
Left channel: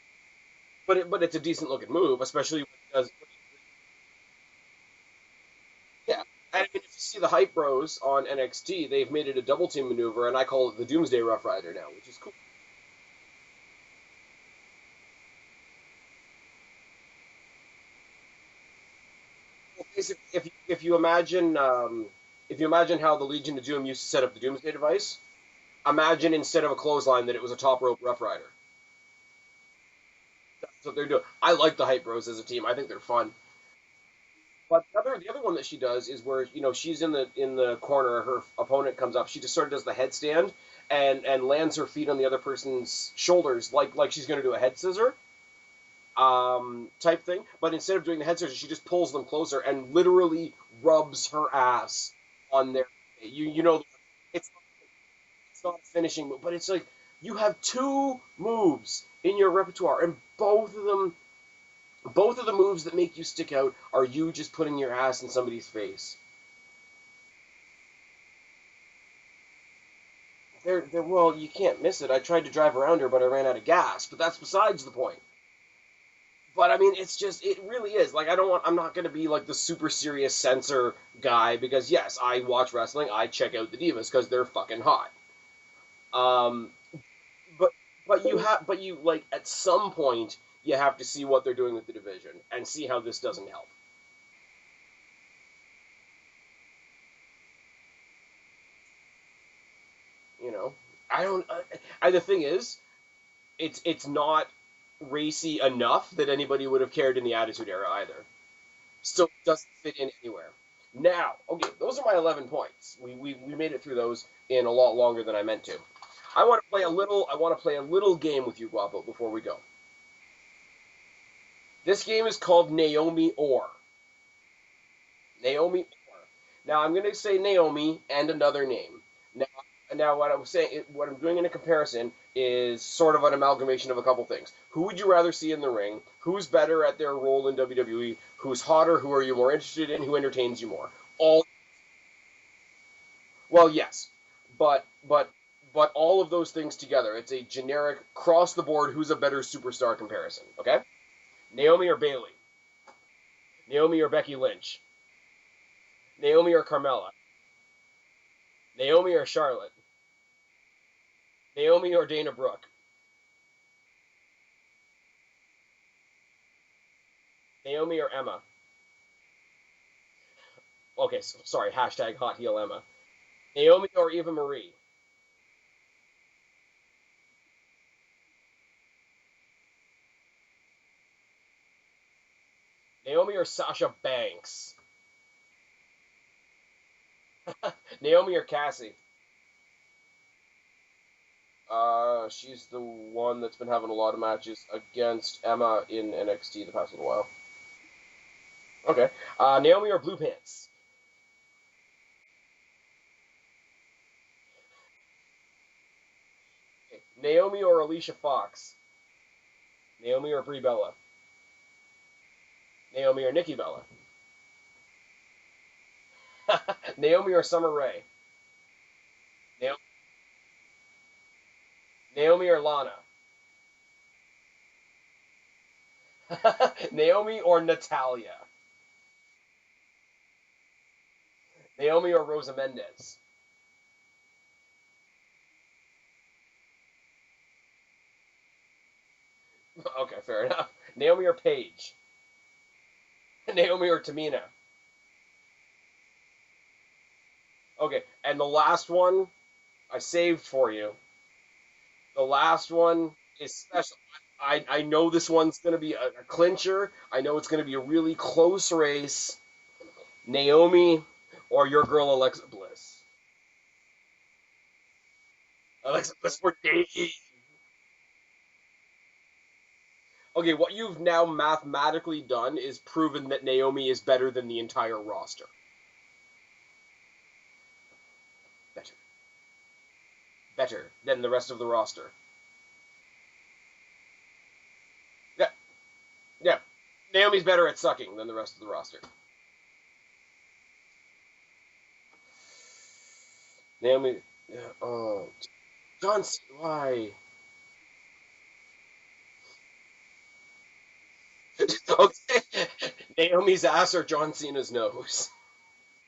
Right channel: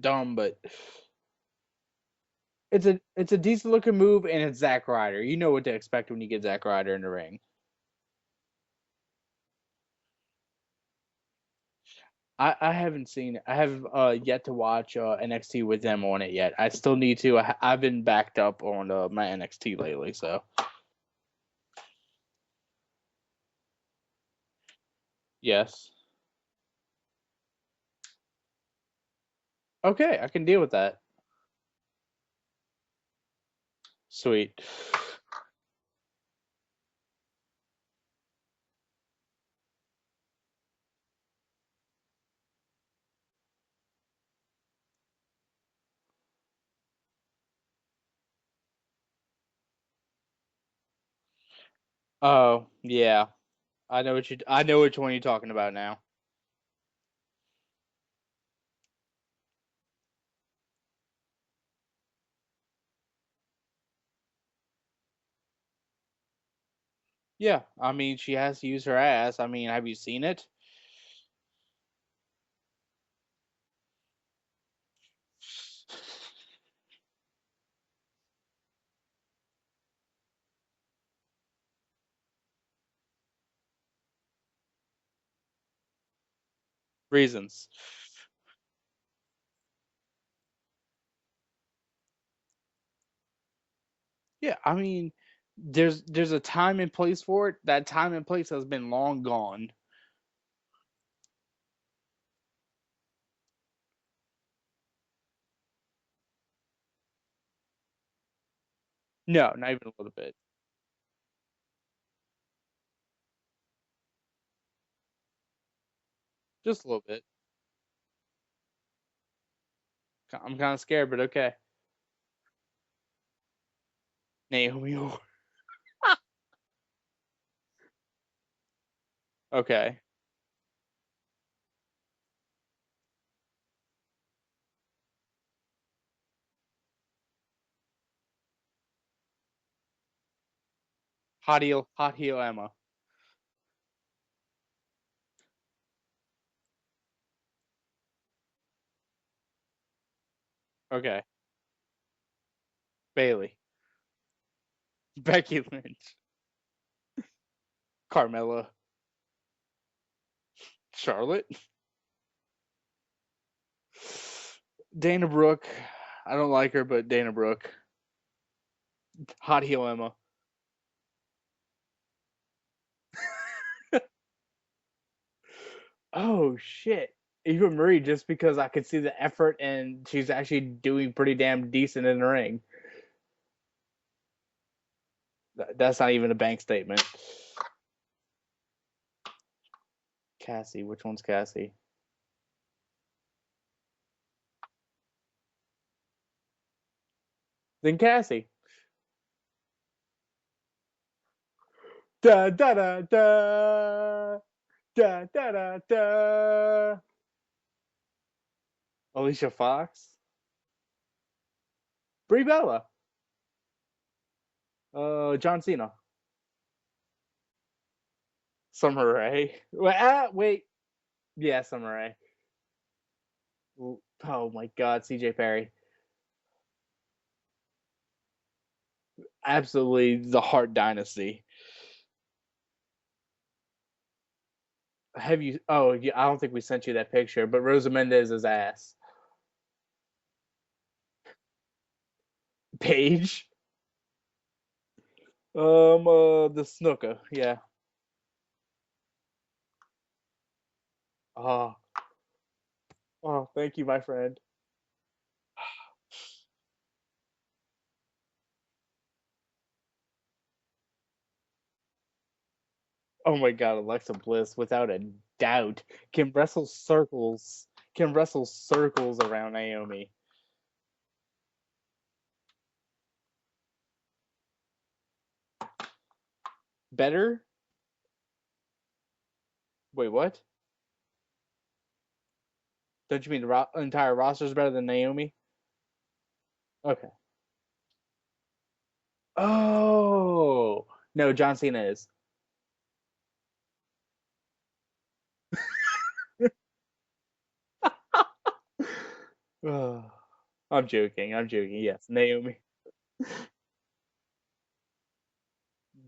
dumb, but But it's a decent looking move, especially because it's a decent looking move, and it's Zack Ryder. You know what to expect yeah. when you get Zack And Ryder if in you the see ring. the Hype Bros on NXT, they've made it a double team maneuver, and I call it the Doomsday Rough Rider now, which is cool. I haven't seen it. I have yet to watch NXT with them on it yet. I still need to. I've been backed up on my NXT lately, so If you imagine how the Legion of Doom used to set up the Doomsday device, yes. imagine instead of a clothesline that it was a top rope Rough Rider. Okay, I can deal with That's that. what they're doing. I like the Hype Bros as a team. I think they're fun. Sweet. But the other one that she does is where she's in the corner, her opponent comes up, she just sort of does the headstand and lands her feet on the other person's shoulders like she's going to do a head scissor type thing. But instead of doing the head scissor, she just pulls them closer and literally rubs her ass on their yeah. I know which one you're talking about now. Finishing move, but it's like you have two moves in your repertoire, and both of the moves that make you stick out are you just putting your ass in somebody's face. Yeah, I mean, she has to use her ass. I mean, have you seen it? Well, you can't miss it. I tried to drive around her, but I ran out of gas. But that's besides the point. But I mean, it really is. Like, I'm not going to be like the super serious censor guy because yes, I watch wrestling. I check out the divas because they're fucking hot. Reasons. But you like at some point you have to see what they're doing with the division and see how this doesn't help. Yeah, I mean, there's a time and place for it. That time and place has been long gone. I don't. The thing is, it's not racy enough that anybody would have cared in the Attitude Era either. So no, it doesn't fit in anywhere. Now, okay, those are my 11 points. We made it through those in a lot longer than I meant to. I want to Just play a little bit. I want to play a little game with you, Guapo, before we go. I'm kind of scared, but okay. This game is called Naomi or. Naomi or. Naomi. Now I'm going to say Naomi and another name. Okay. Now what I'm doing in a comparison is sort of an amalgamation of a couple things. Who would you rather see in the ring? Who's better at their role in WWE? Who's hotter? Who are you more interested in? Who entertains you more? Hot heel Emma. Well, yes, but all of those things together, it's a generic cross the board. Who's a better superstar comparison? Okay. Okay. Naomi or Bayley? Bayley. Naomi or Becky Lynch? Becky Lynch. Naomi or Carmella? Carmella. Naomi or Charlotte? Charlotte. Naomi or Dana Brooke? Dana Brooke. I don't like her, but Dana Brooke. Naomi or Emma? Hot heel Emma. Okay, sorry. Hashtag hot heel Emma. Naomi or Eva Marie? Oh shit. Eva Marie, just because I could see the effort and she's actually doing pretty damn decent in the ring. Naomi or Sasha Banks? That's not even a bank statement. Naomi or Cassie? Cassie, which one's Cassie? She's the one that's been having a lot of matches against Emma in NXT the past little while. Then Cassie. Okay. Naomi or Blue Pants? Da da da da. Da da da da. Naomi or Alicia Fox? Alicia Fox. Naomi or Brie Bella? Brie Bella. Naomi or Nikki Bella? John Cena. Naomi or Summer Rae? Summer Rae. Wait. Yeah, Summer Rae. Naomi or Lana? Oh my God, CJ Perry. Naomi or Natalia? Absolutely the Hart Dynasty. Naomi or Rosa Mendez? Have you? Oh, yeah, I don't think we sent you that picture, but Rosa Mendez is ass. Okay, fair enough. Naomi or Paige? Paige? Naomi or Tamina? The Snooker, yeah. Okay, and the last one I saved for you. Oh. The last one is thank you, my friend. I know this one's going to be a clincher. I know it's going to be a really close race. Naomi or your girl Alexa Bliss? Oh my God, Alexa Bliss, without a doubt. Alexa can Bliss wrestle circles. Can wrestle circles around Naomi. Okay, what you've now mathematically done is proven that Naomi is better than the entire roster. Better? Better. Wait, what? Better than the rest of the roster. Don't you mean the entire roster is better than Naomi? Yeah. Yeah. Okay. Naomi's better at sucking than the rest of the roster. Oh. No, John Cena is. Naomi. Oh. John Cena, why? I'm joking. Yeah, Okay. Naomi's ass or John Cena's nose?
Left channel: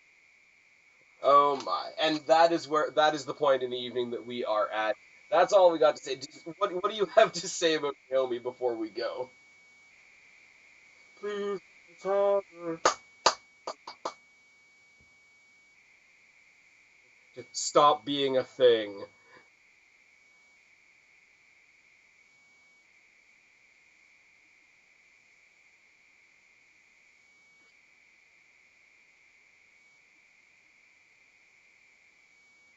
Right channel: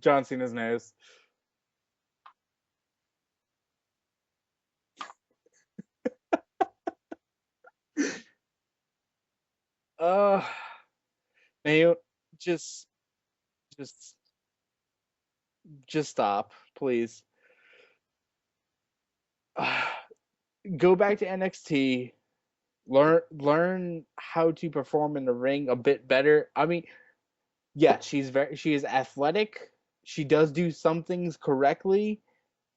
John Cena's nose. Oh my! And that is the point in the evening that we are at. That's all we got to say. What do you have to say about Naomi before we go? Please, Naomi, just stop, please. Just stop being a thing. Go back to NXT. Learn how to perform in the ring a bit better. I mean, yeah, she is athletic. She does do some things correctly,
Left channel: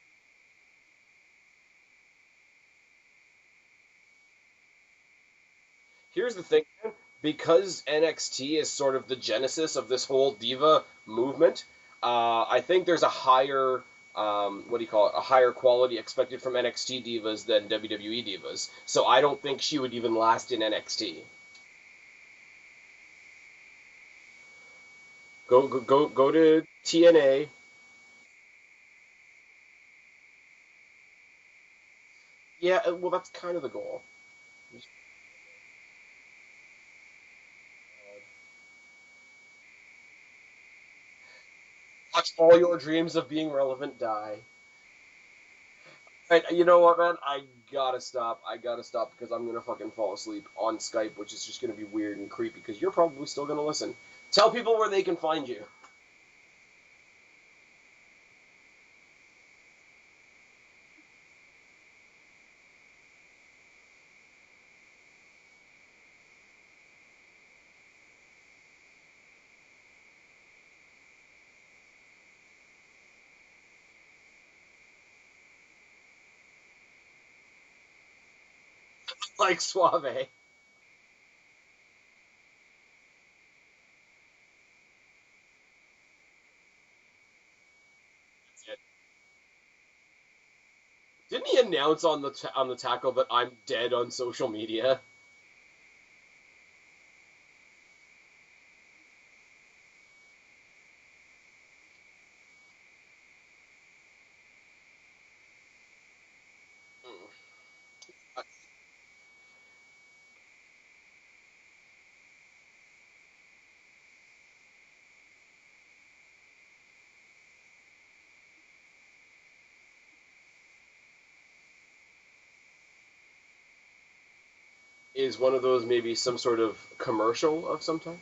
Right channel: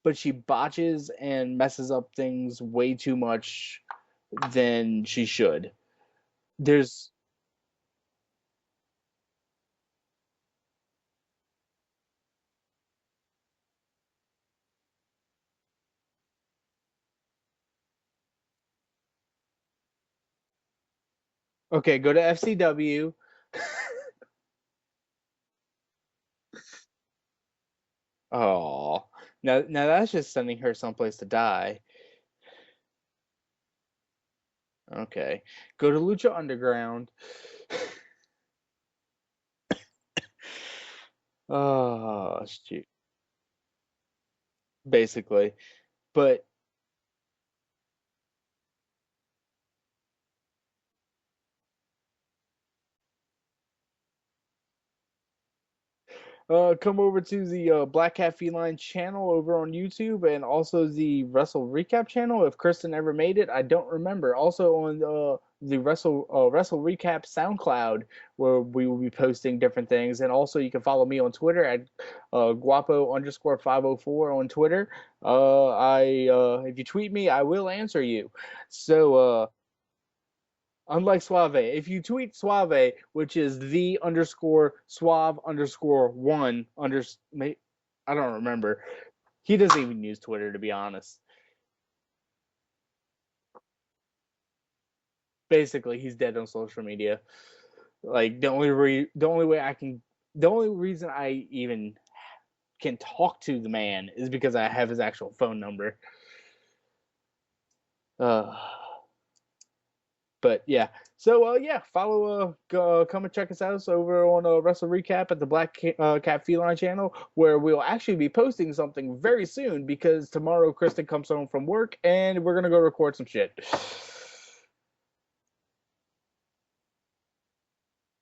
but she botches and messes up things way too much than she should. Here's the thing. Because NXT is sort of the genesis of this whole diva movement, I think there's a higher a higher quality expected from NXT divas than WWE divas. So I don't think she would even last in NXT. Okay, go to FCW. Go to TNA. Oh, now that's just sending her someplace to die. Yeah, well, that's kind of the goal. Okay, go to Lucha Underground. Watch all your dreams of being relevant die. Basically. But you know what, man? I gotta stop because I'm gonna fucking fall asleep on Skype, which is just gonna be weird and creepy because you're probably still gonna listen. Tell people where they can find you. come over to the Black Cat Feline channel over on YouTube, and also the Wrestle Recap channel. If Kristen ever made it, I don't remember. Also on the Wrestle Recap SoundCloud, where we will be posting different things. And also, you can follow me on Twitter at guapo_504 on Twitter. If you tweet me, I will answer you. So Like Suave. unlike Suave, if you tweet Suave, which is the underscore Suave underscore one I don't remember. He doesn't even use Twitter, to be honest. Didn't he announce on the tackle that I'm dead on social media? Basically, he's dead on social media. Like the only reason I even can talk to the man is because I have his actual phone number. But yeah. So yeah, follow come and check us out over on Wrestle Recap at the Black Cat Feline channel, where we'll actually be posting something very soon because tomorrow Kristen comes home from work and we're gonna go record some shit. Is one of those maybe some sort of commercial of some type?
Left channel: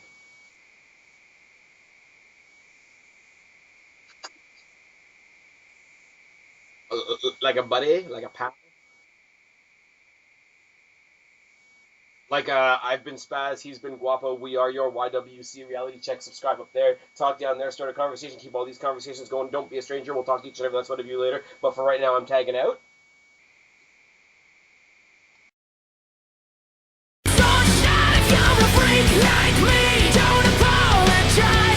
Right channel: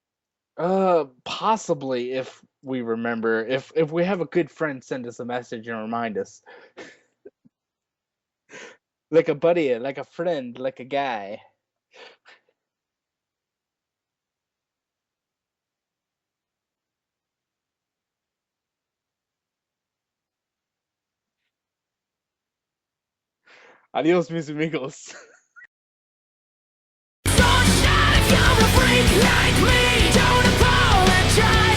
Possibly, if we remember. If we have a good friend send us a message and remind us. Like a buddy, like a pal. Like a buddy, like a friend, like a guy. Like, I've been Spaz, he's been Guapo, we are your YWC reality check. Subscribe up there, talk down there, start a conversation, keep all these conversations going. Don't be a stranger, we'll talk to each and every last one of you later. But for right now, I'm tagging out. Adios, mis amigos. Don't apologize.